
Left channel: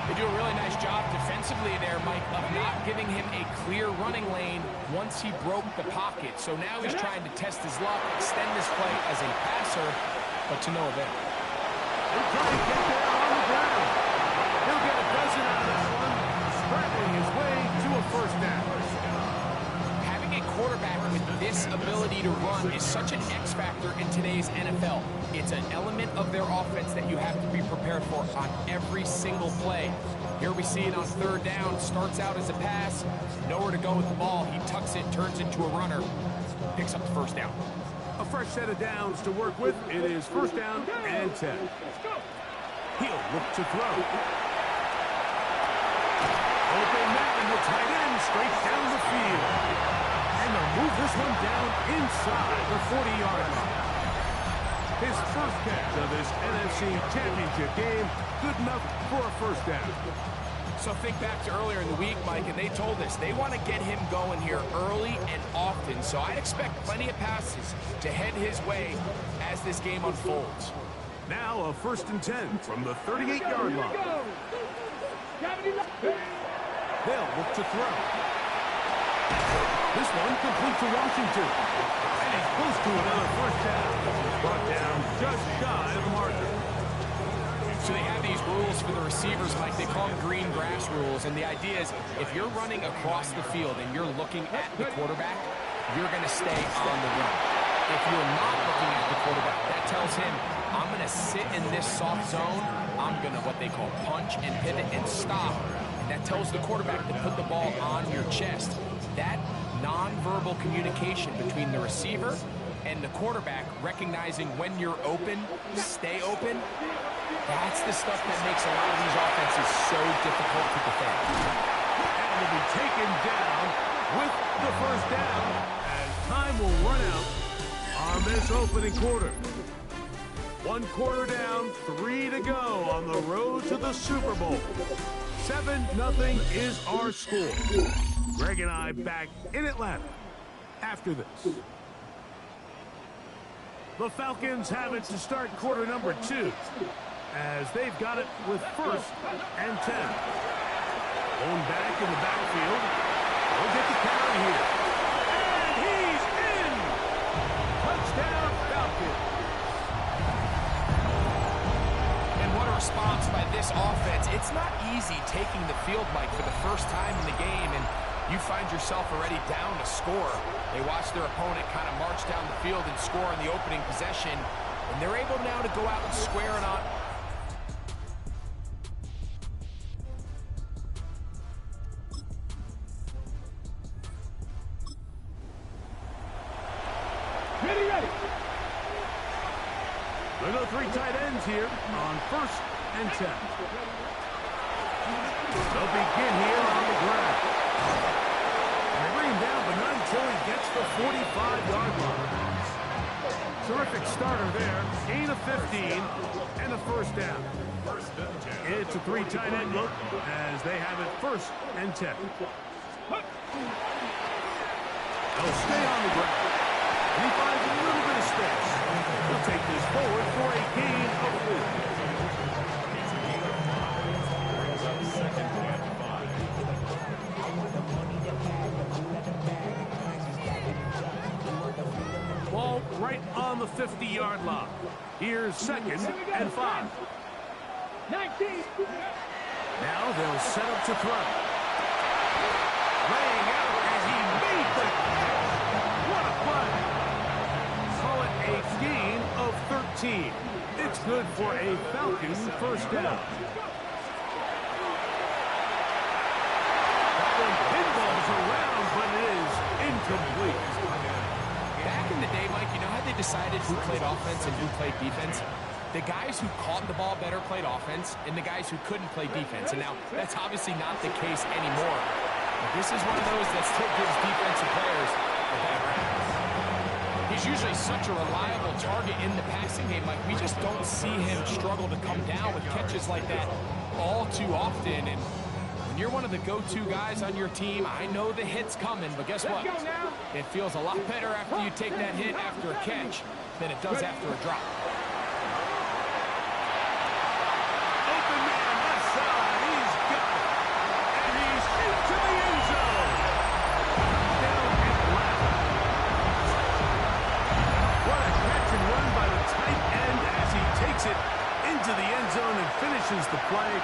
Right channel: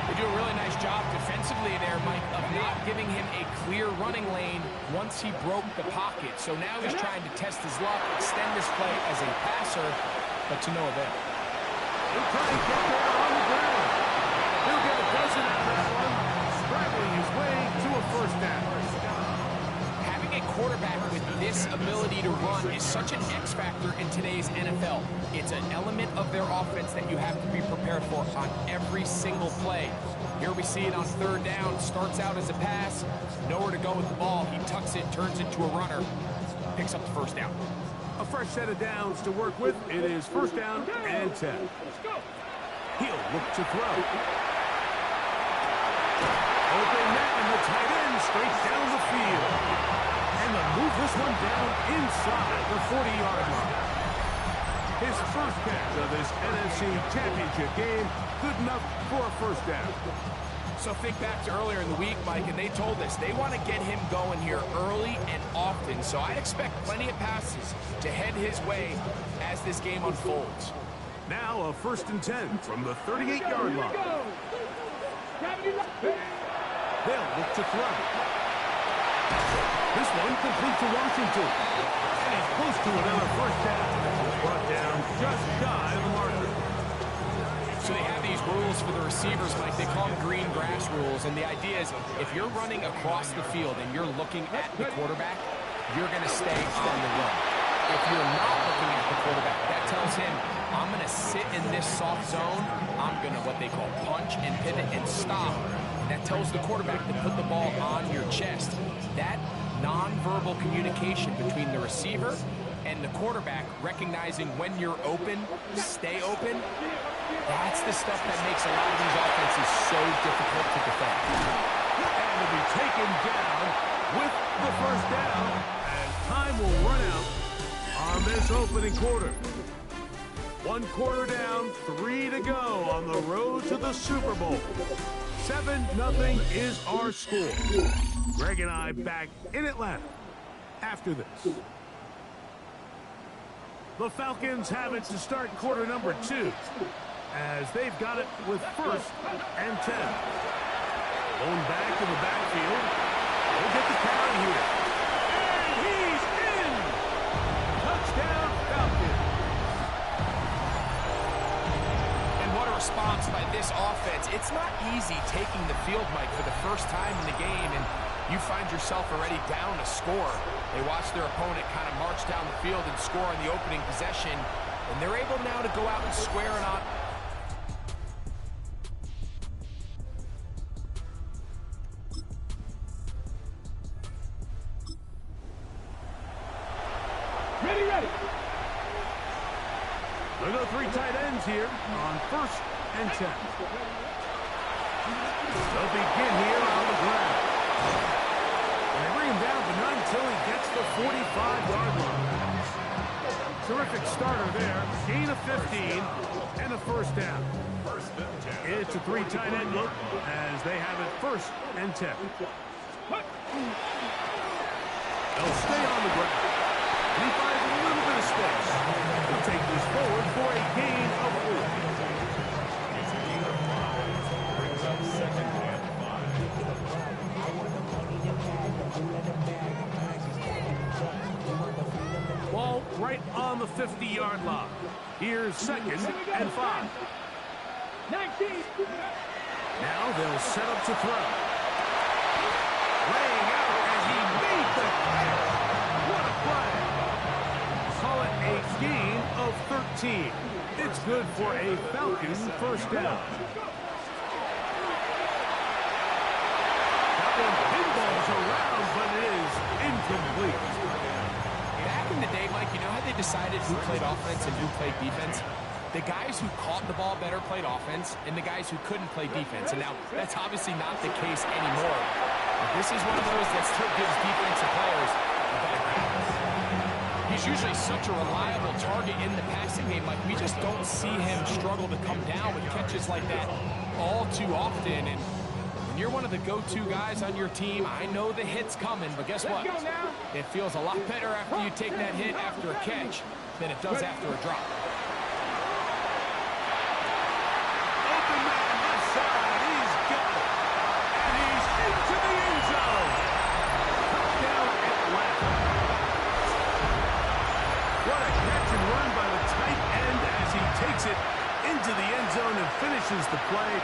They do a really nice job defensively there, Mike, of not giving him a clear running lane once he broke the pocket. So now he's trying to test his luck, extend this play as a passer, but to no avail. He'll try and get there on the ground. He'll get a dozen out of that one, scrabbling his way to a first down. quarterback with this ability to run is such an X factor in today's NFL. It's an element of their offense that you have to be prepared for on every single play. Here we see it on third down. Starts out as a pass, nowhere to go with the ball. He tucks it, turns into a runner, picks up the first down. A fresh set of downs to work with. It is first down and 10. He'll look to throw. Open man, the tight end straight down the field. And they'll move this one down inside the 40-yard line. His first catch of this NFC Championship game, good enough for a first down. So think back to earlier in the week, Mike, and they told us they want to get him going here early and often. So I'd expect plenty of passes to head his way as this game unfolds. Now a first and 10 from the 38-yard line. They'll look to throw. This one complete to Washington. And he's close to another first down. He's brought down just shy of the marker. So they have these rules for the receivers, Mike. They call them green grass rules. And the idea is if you're running across the field and you're looking at the quarterback, you're going to stay on the run. If you're not looking at the quarterback, that tells him, I'm going to sit in this soft zone. I'm going to what they call punch and pivot and stop. And that tells the quarterback to put the ball on your chest. That nonverbal communication between the receiver and the quarterback, recognizing when you're open, stay open, that's the stuff that makes a lot of these offenses so difficult to defend. And to be taken down with the first down as time will run out on this opening quarter. 1 quarter down, 3 to go on the road to the Super Bowl. 7-0 is our score. Greg and I back in Atlanta after this. The Falcons have it to start quarter number 2 as they've got it with first and 10. Lone back in the backfield. He'll get the carry here. And he's in! Touchdown Falcons. And what a response by this offense. It's not easy taking the field, Mike, for the first time in the game, and you find yourself already down a score. They watch their opponent kind of march down the field and score on the opening possession, and they're able now to go out and square it on. Ready. There go 3 tight ends here on first and 10. They'll begin here on the ground. And they bring him down, but not until he gets the 45-yard line. Terrific starter there. Gain of 15 and a first down. It's a 3 tight end look as they have it first and 10. They'll stay on the ground. And he finds a little bit of space. He'll take this forward for a gain of 4. It's a gain of 5. Brings up second and 5. Ball right on the 50-yard line. Here's second and 5. 19. Now they'll set up to throw. Laying out as he made the catch. What a play. Call it a gain of 13. It's good for a Falcon first down. That one pinballs around, but it is incomplete. Back in the day, Mike, you know how they decided who played offense and who played defense? The guys who caught the ball better played offense, and the guys who couldn't play defense. And now, that's obviously not the case anymore. But this is one of those that still gives defensive players a bad rap. He's usually such a reliable target in the passing game. Like, we just don't see him struggle to come down with catches like that all too often. And when you're one of the go-to guys on your team, I know the hit's coming, but guess what? It feels a lot better after you take that hit after a catch than it does after a drop. Open man left side. He's got it. And he's into the end zone. Touchdown Atlanta. What a catch and run by the tight end as he takes it into the end zone and finishes the play.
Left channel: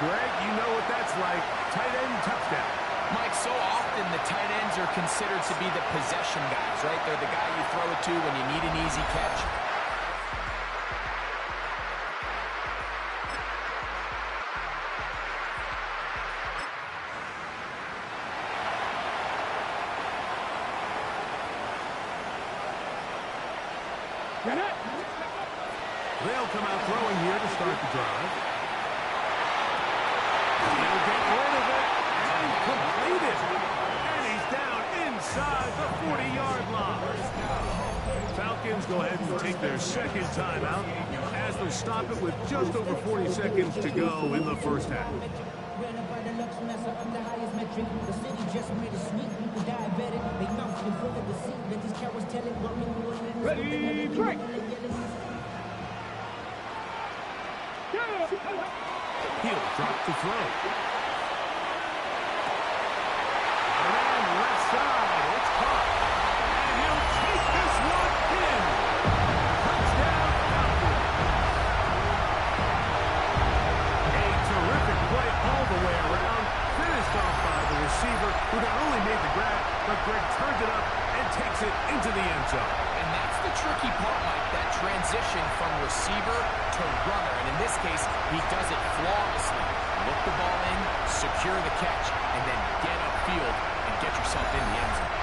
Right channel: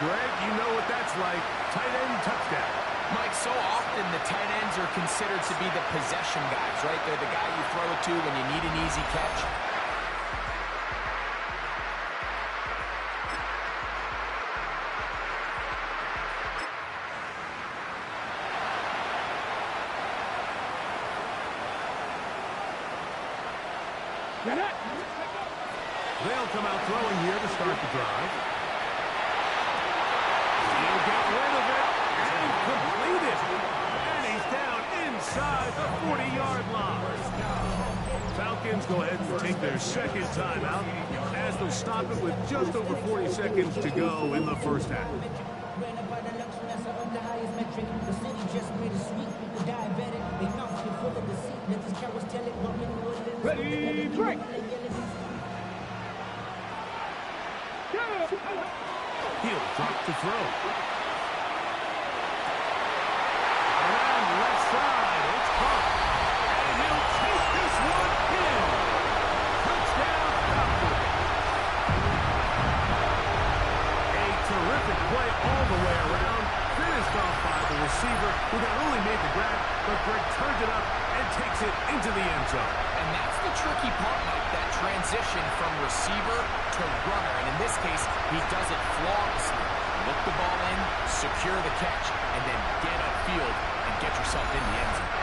Greg, you know what that's like. Tight end touchdown. Mike, so often the tight ends are considered to be the possession guys, right? They're the guy you throw it to when you need an easy catch. They'll come out throwing here to start the drive. He'll get rid of it and complete it. And he's down inside the 40-yard line. Falcons go ahead and take their second timeout as they'll stop it with just over 40 seconds to go in the first half. Ran up by the Lux Messer up the highest metric. The city just made it sweet. The diabetic, they mouth get full of deceit. Let these cowards tell it. Ready, break! He'll drop to throw. Around left side, it's caught. And he'll take this one in. Touchdown, Falcons. A terrific play all the way around. Finished off by the receiver, who not only made the grab, but Greg turns it up and takes it into the end zone. And that's the tricky part, Mike, that transition from receiver to runner. And in this case, he does it flawlessly. Look the ball in, secure the catch, and then get upfield and get yourself in the end zone.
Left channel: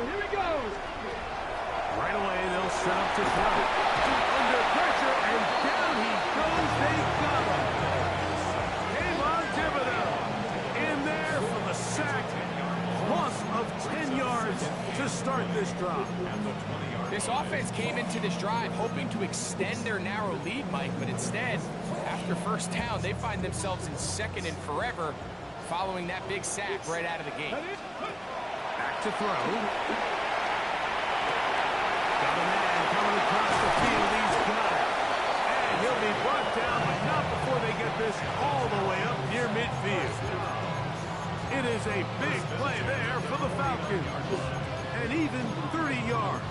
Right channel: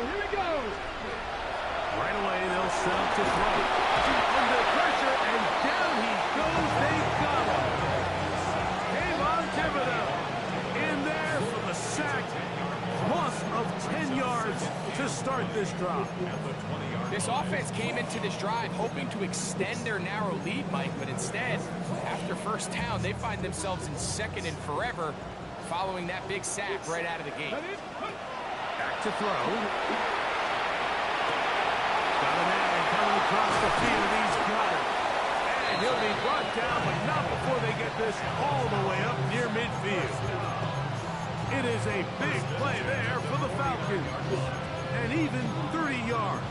Here we go. Right away, they'll set up to throw. Under pressure, and down he goes. They got him. Kayvon Thibodeau in there for the sack. Loss of 10 yards to start this drive. This offense came into this drive hoping to extend their narrow lead, Mike, but instead, after first down, they find themselves in second and forever following that big sack right out of the gate. Back to throw. Got a man coming across the field. He's got it. And he'll be brought down, but not before they get this all the way up near midfield. It is a big play there for the Falcons. And even 30 yards.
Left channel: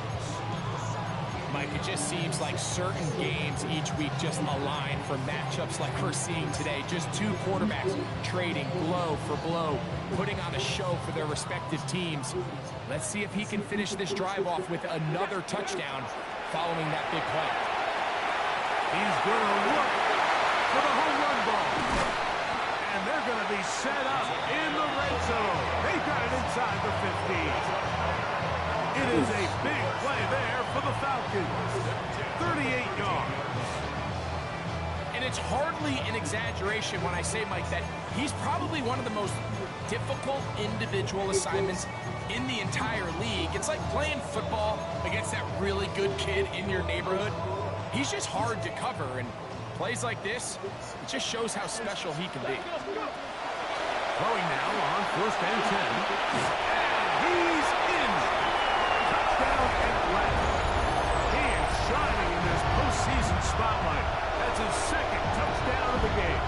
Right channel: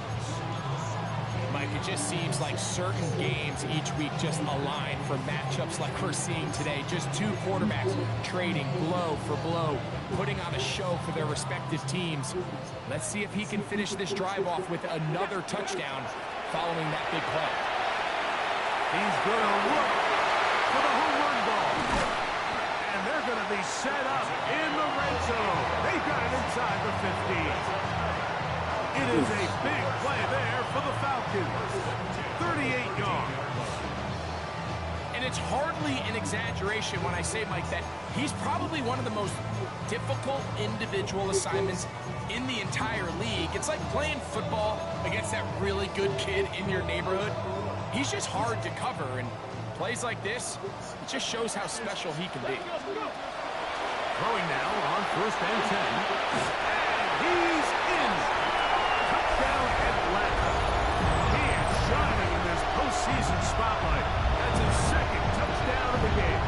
Mike, it just seems like certain games each week just align for matchups like we're seeing today. Just two quarterbacks trading blow for blow, putting on a show for their respective teams. Let's see if he can finish this drive off with another touchdown following that big play. He's going to look for the home run ball. And they're going to be set up in the red zone. They've got it inside the 15. It is a big play there for the Falcons. 38 yards. And it's hardly an exaggeration when I say, Mike, that he's probably one of the most difficult individual assignments in the entire league. It's like playing football against that really good kid in your neighborhood. He's just hard to cover, and plays like this, it just shows how special he can be. Throwing now on 1st and 10. And he's in. Touchdown Atlanta. He is shining in this postseason spotlight. That's his second touchdown of the game.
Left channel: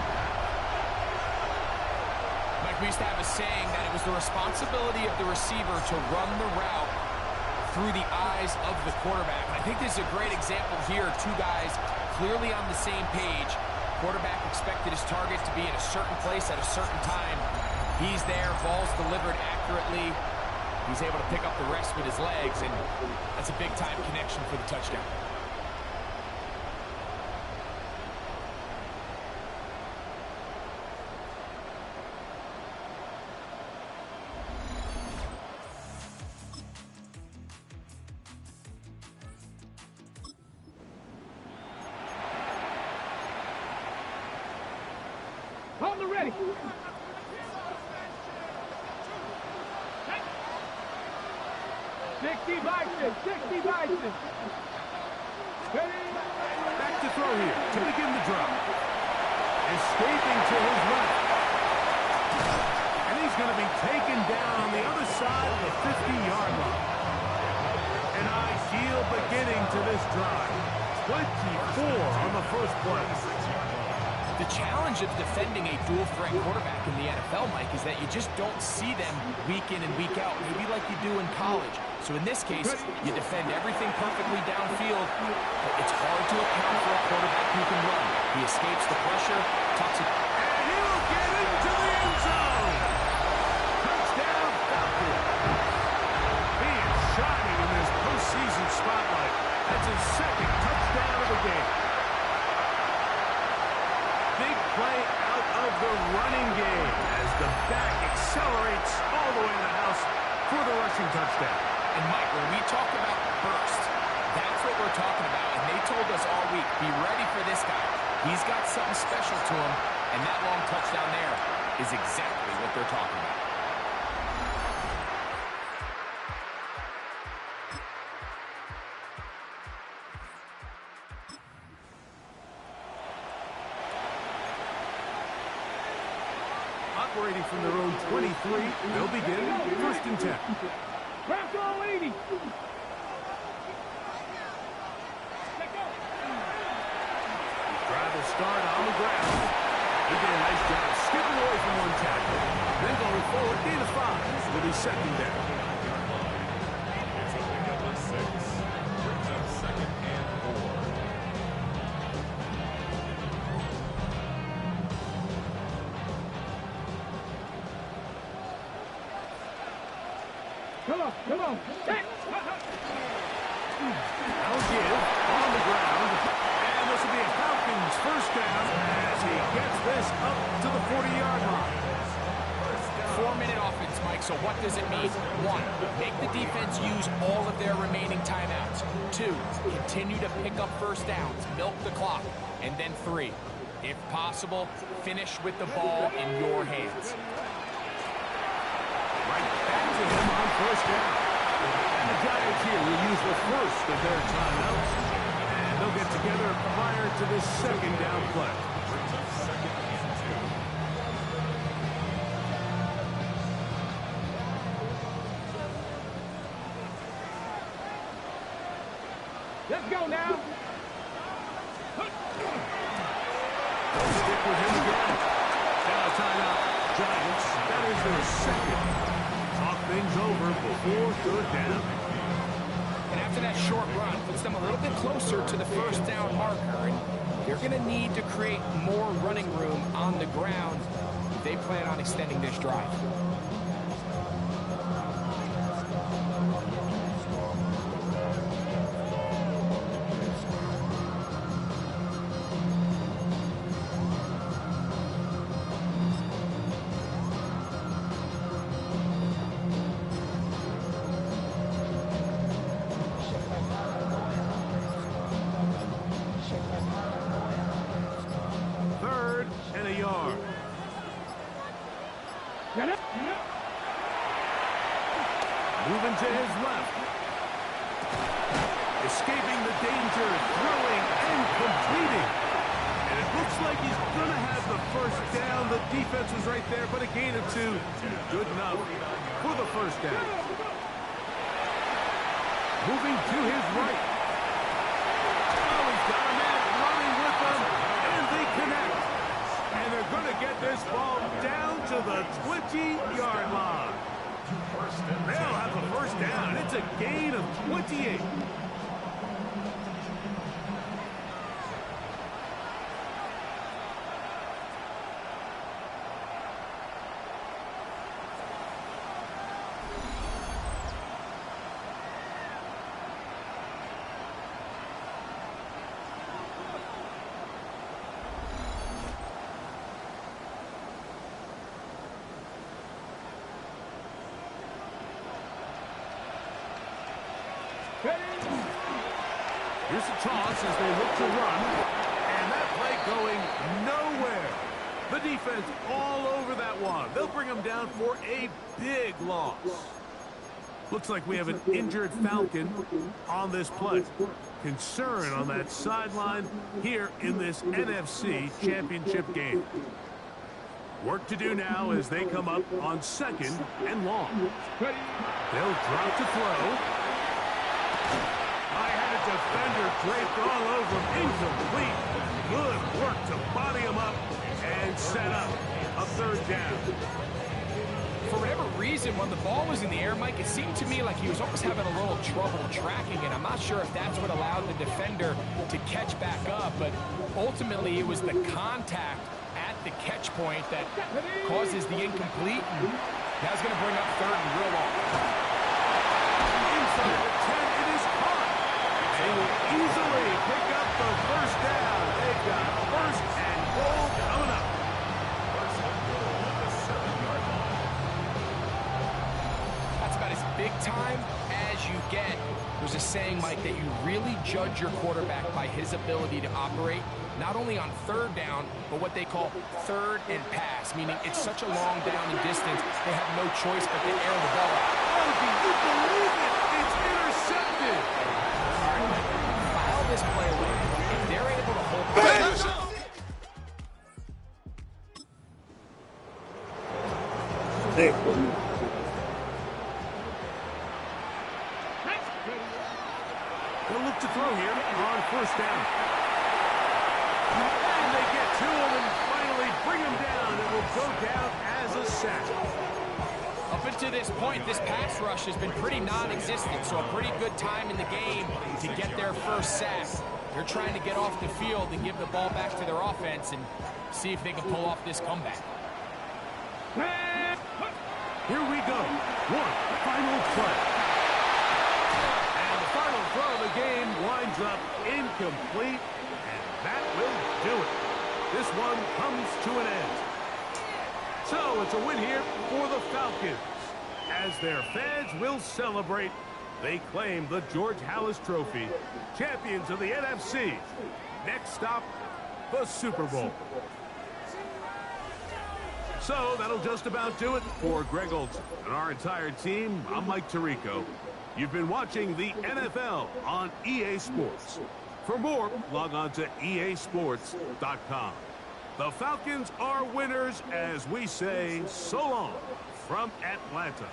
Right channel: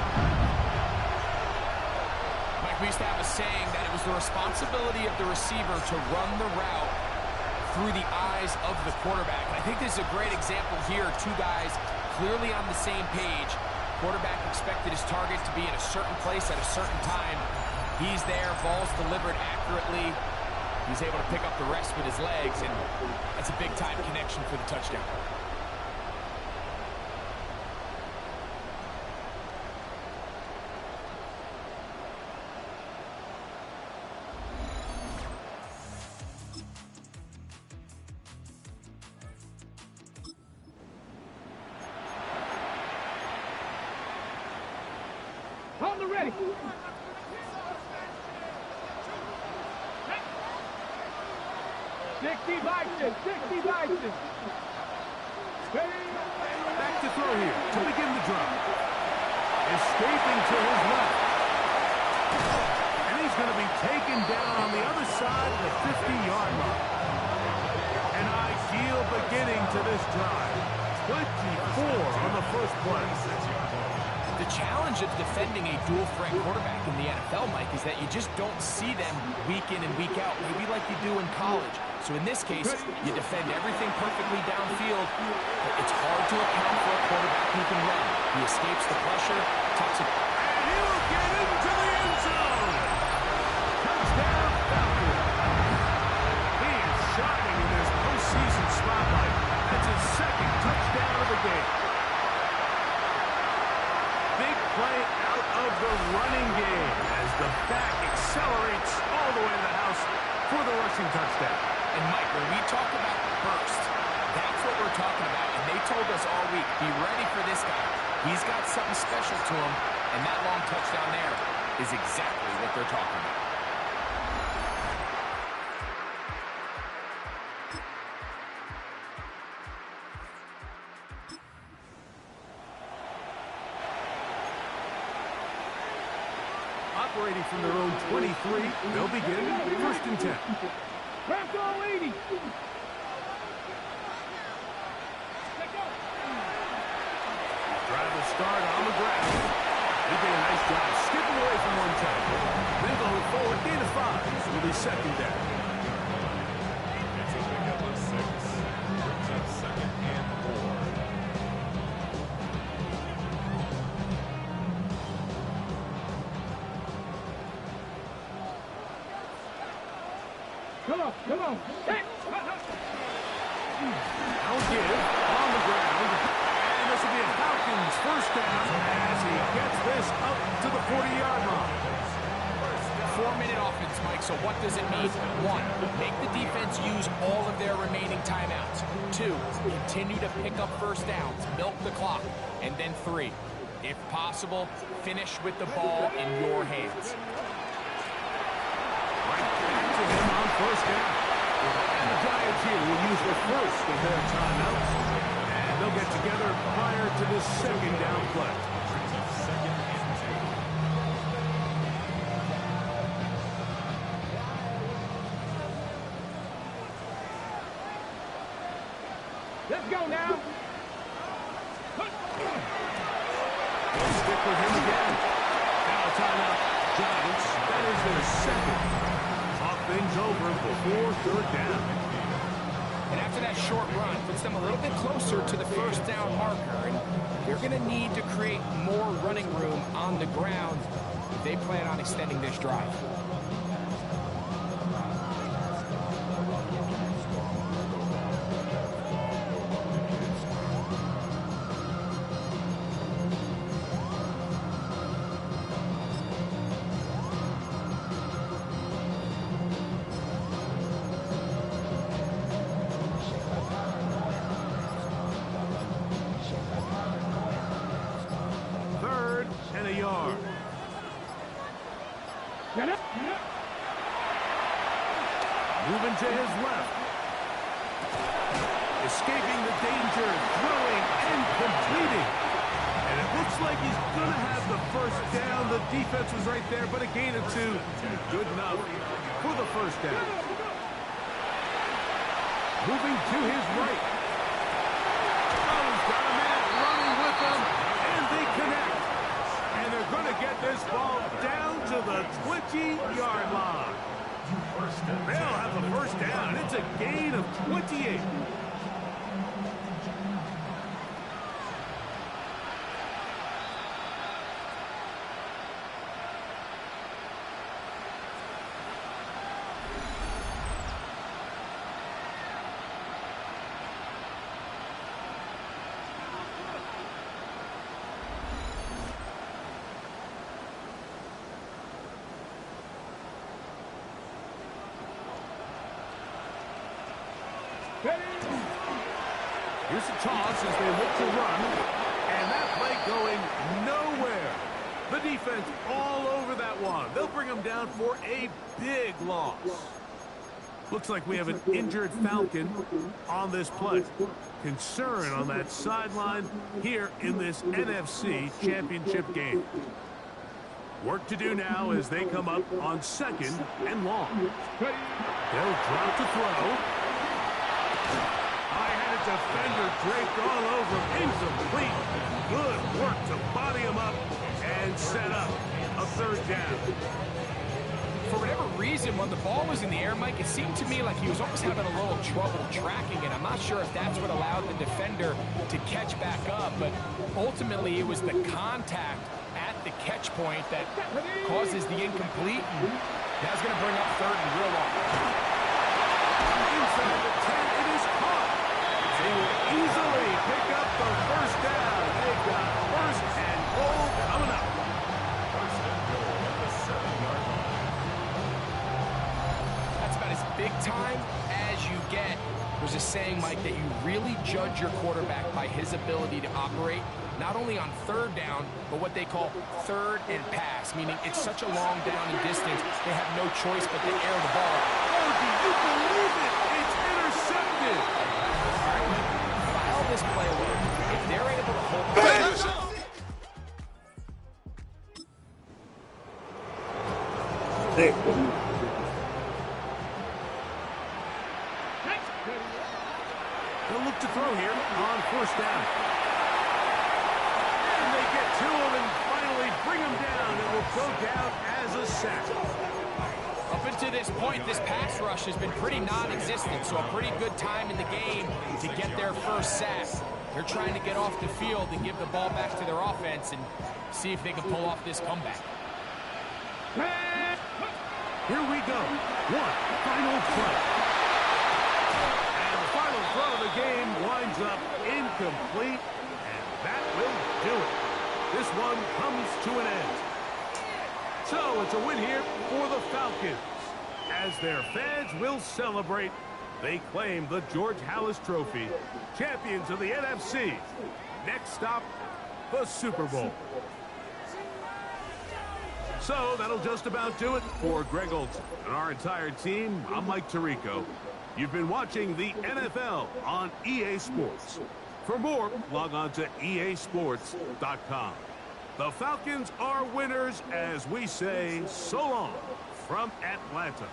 Mike, we used to have a saying that it was the responsibility of the receiver to run the route through the eyes of the quarterback. And I think this is a great example here. Two guys clearly on the same page. Quarterback expected his target to be in a certain place at a certain time. He's there, ball's delivered accurately. He's able to pick up the rest with his legs, and that's a big-time connection for the touchdown. On the ready. 60 Bison, 60 Bison. Ready? Back to throw here to begin the drive. Escaping to his left. And he's going to be taken down on the other side of the 50-yard line. An ideal beginning to this drive. 24 on the first play. The challenge of defending a dual-threat quarterback in the NFL, Mike, is that you just don't see them week in and week out, maybe like you do in college. So in this case, you defend everything perfectly downfield, but it's hard to account for a quarterback who can run. He escapes the pressure, tucks it. And he will get into the end zone. Touchdown, Falcons. He is shining in this postseason spotlight. That's his second touchdown of the game. Big play out of the running game as the back accelerates all the way to the house for the rushing touchdown. And Mike, when we talk about burst, that's what we're talking about. And they told us all week, be ready for this guy. He's got something special to him, and that long touchdown there is exactly what they're talking about. Operating from their own 23, they'll begin 1st and 10. Craft all 80. Drive will start on the ground. He did a nice job skipping away from one tackle. Then going forward, gain of 5. It'll be 2nd down. It's a pickup of 6. Brings up 2nd and 4. Come on, come on. Hey. Now give on the ground. And this will be a Falcons 1st down as he gets this up to the 40-yard line. 4-minute offense, Mike, so what does it mean? 1, make the defense use all of their remaining timeouts. 2, continue to pick up 1st downs, milk the clock. And then 3, if possible, finish with the ball in your hands. Right back to him on 1st down. And the Giants here will use the first of their timeouts. And they'll get together prior to this 2nd down play. Brings up 2nd and 2. Let's go now. They'll stick with him again. Now a timeout. Giants, that is their 2nd. Talk things over before 3rd down. And after that short run, puts them a little bit closer to the 1st down marker. And they're going to need to create more running room on the ground if they plan on extending this drive. Moving to his left. Escaping the danger, throwing and completing. And it looks like he's going to have the 1st down. The defense was right there, but a gain of 2. Good enough for the 1st down. Moving to his right. Oh, he's got a man running with them, and they connect. And they're going to get this ball down to the 20-yard line. They'll have the 1st down. It's a gain of 28. Here's a toss as they look to run. And that play going nowhere. The defense all over that one. They'll bring him down for a big loss. Looks like we have an injured Falcon on this play. Concern on that sideline here in this NFC Championship game. Work to do now as they come up on 2nd and long. They'll drop to throw. High-handed defender draped all over him. Incomplete. Good work to body him up and set up a third down. For whatever reason, when the ball was in the air, Mike, it seemed to me like he was almost having a little trouble tracking it. I'm not sure if that's what allowed the defender to catch back up, but ultimately it was the contact at the catch point that causes the incomplete. And now it's going to bring up third and real long. Inside the 10, it is caught. They will easily pick up the first down. They've got first and goal coming up. First and goal at the 7-yard line. That's about as big time as you get. There's a saying, Mike, that you really judge your quarterback by his ability to operate, not only on third down, but what they call third and pass, meaning it's such a long down and distance, they have no choice but to air the ball out. Oh, do you believe it? It's intercepted. All right, Mike, file this play away. If they're able to hold They'll look to throw here on first down. And they get to him and finally bring him down. It will go down as a sack. Up until this point, this pass rush has been pretty non-existent, so a pretty good time in the game to get their first sack. They're trying to get off the field and give the ball back to their offense and see if they can pull off this comeback. Here we go. One final play. And the final throw of the game winds up incomplete, and that will do it. This one comes to an end. So it's a win here for the Falcons. As their fans will celebrate, they claim the George Halas Trophy, champions of the NFC. Next stop, the Super Bowl. So that'll just about do it for Greg Olson and our entire team. I'm Mike Tirico. You've been watching the NFL on EA Sports. For more, log on to easports.com. The Falcons are winners as we say so long from Atlanta.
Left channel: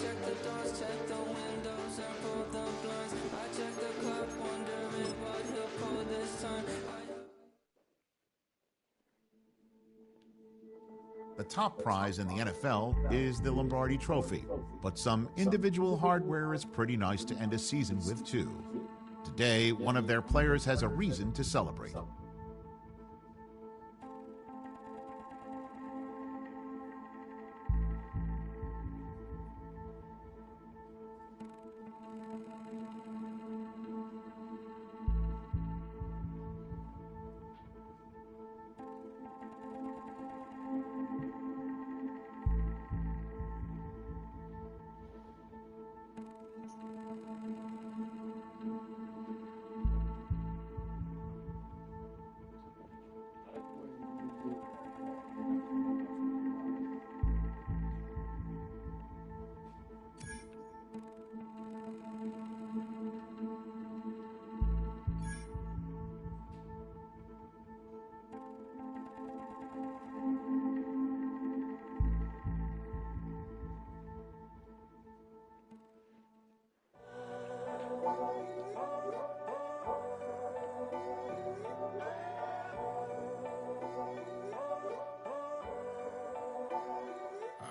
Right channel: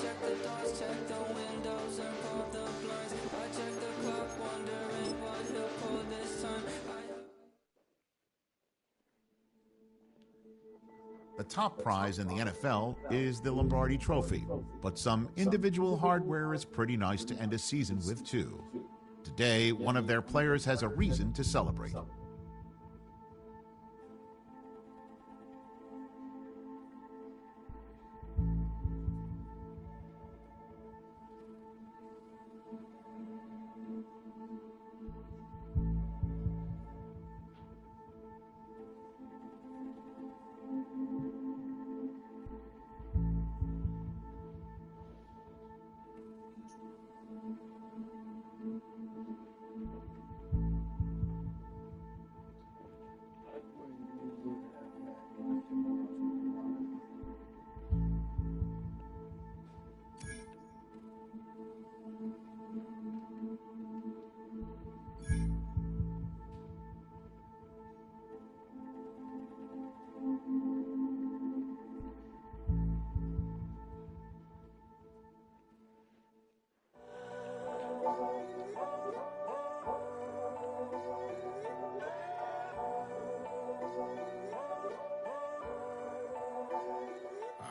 Check the doors, check the windows, and pull the blinds. I check the clock, wondering what he'll pull this time. The top prize in the NFL is the Lombardi Trophy, but some individual hardware is pretty nice to end a season with, too. Today, one of their players has a reason to celebrate.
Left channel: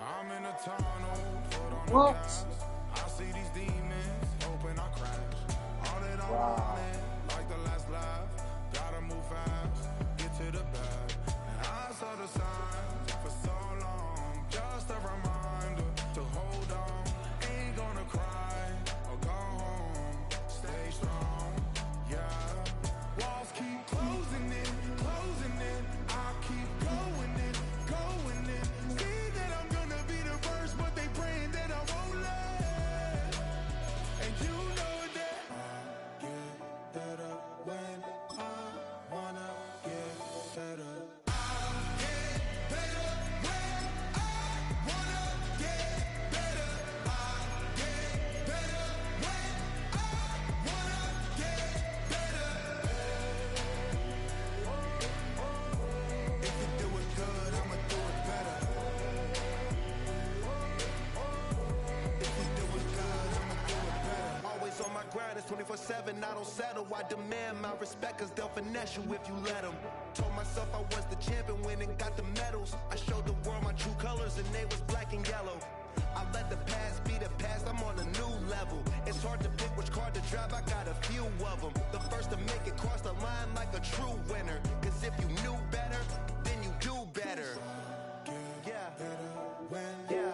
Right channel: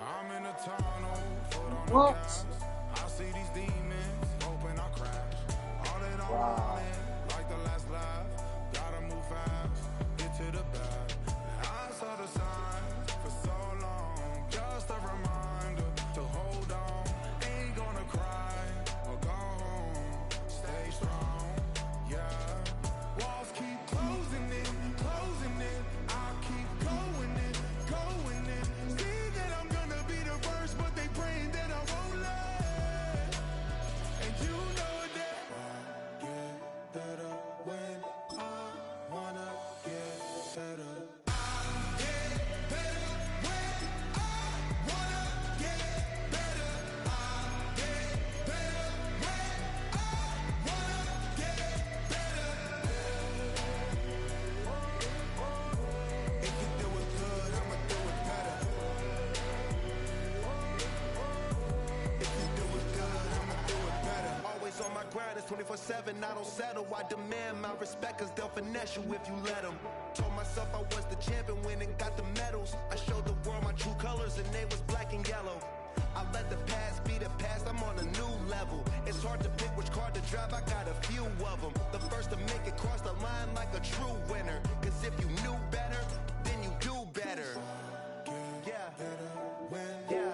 I'm in a tunnel, foot on the What? gas. I see these demons, hoping I crash. All that I wanted, like the last saw the signs for so long. Just a reminder to hold on. Ain't gonna cry or go home. Stay strong, yeah. Walls keep closing in, closing in. I keep going in, going in. See that I'm gonna be the first, but they praying that I won't let. And you know that I get better when I wanna get better. I get better when I wanna get better. I get better when I wanna get better. If you do it good, I'ma do it better. If you do it good, I'ma do it better. Always on my grind, it's 24/7, I don't settle. I demand my respect, cause they'll finesse you if you let them. Told myself I was the champion, went and got the medals. I showed the world my true colors and they was black and yellow. I let the past be the past, I'm on a new level. It's hard to pick which car to drive, I got a few of them. The first to make it cross the line like a true winner. Cause if you knew better, then you do better. Yeah. Yeah. Yeah.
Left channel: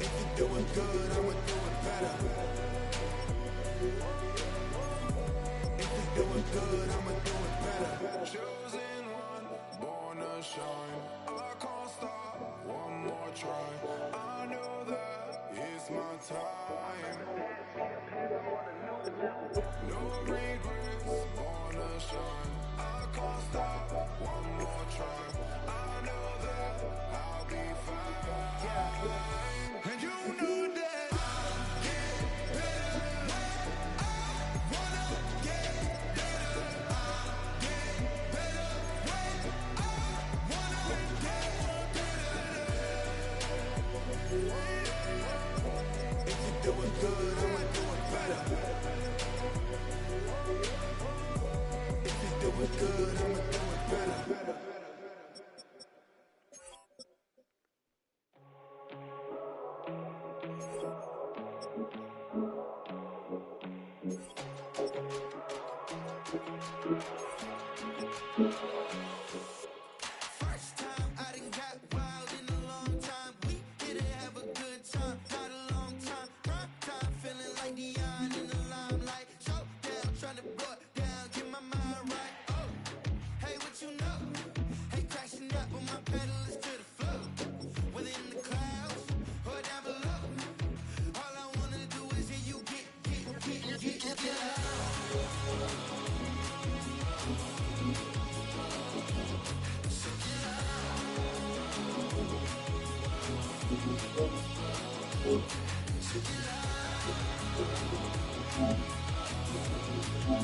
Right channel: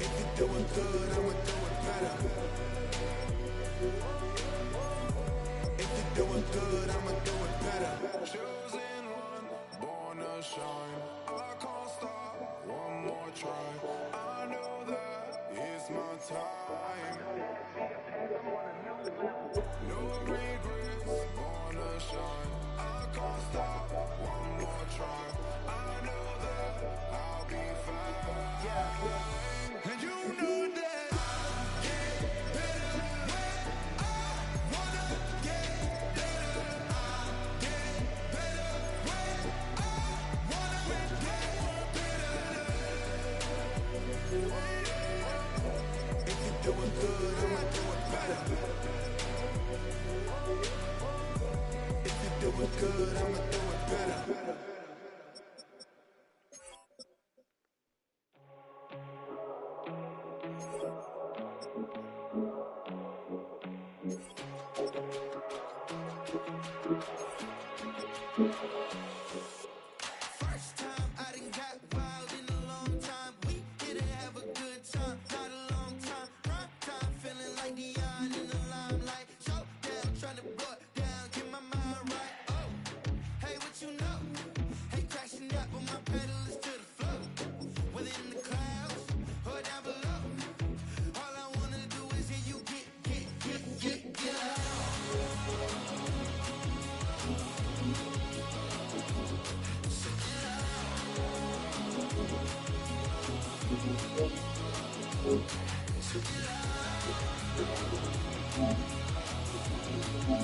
If you're doing good, I'ma do it better. If you're doing good, I'ma do it better. Chosen one, born to shine. I can't stop, one more try. I know that it's my time. No regrets, born to shine. I can't stop, one more try. I know that I'll be fine. And you know that I get better when I wanna get better. I get better when I wanna get better. If you're doing good, I'ma do it better. If you're doing good, I'ma do it better. First time I done got wild in a long time. We didn't have a good time, not a long time. Prime time, feeling like Dion in the limelight. Showdown, trying to blow it down, get my mind right. Oh, hey, what you know? Hey, crashing up on my pedal is to the floor. Whether in the clouds or down below. All I wanna do is hear you get out. Check it out.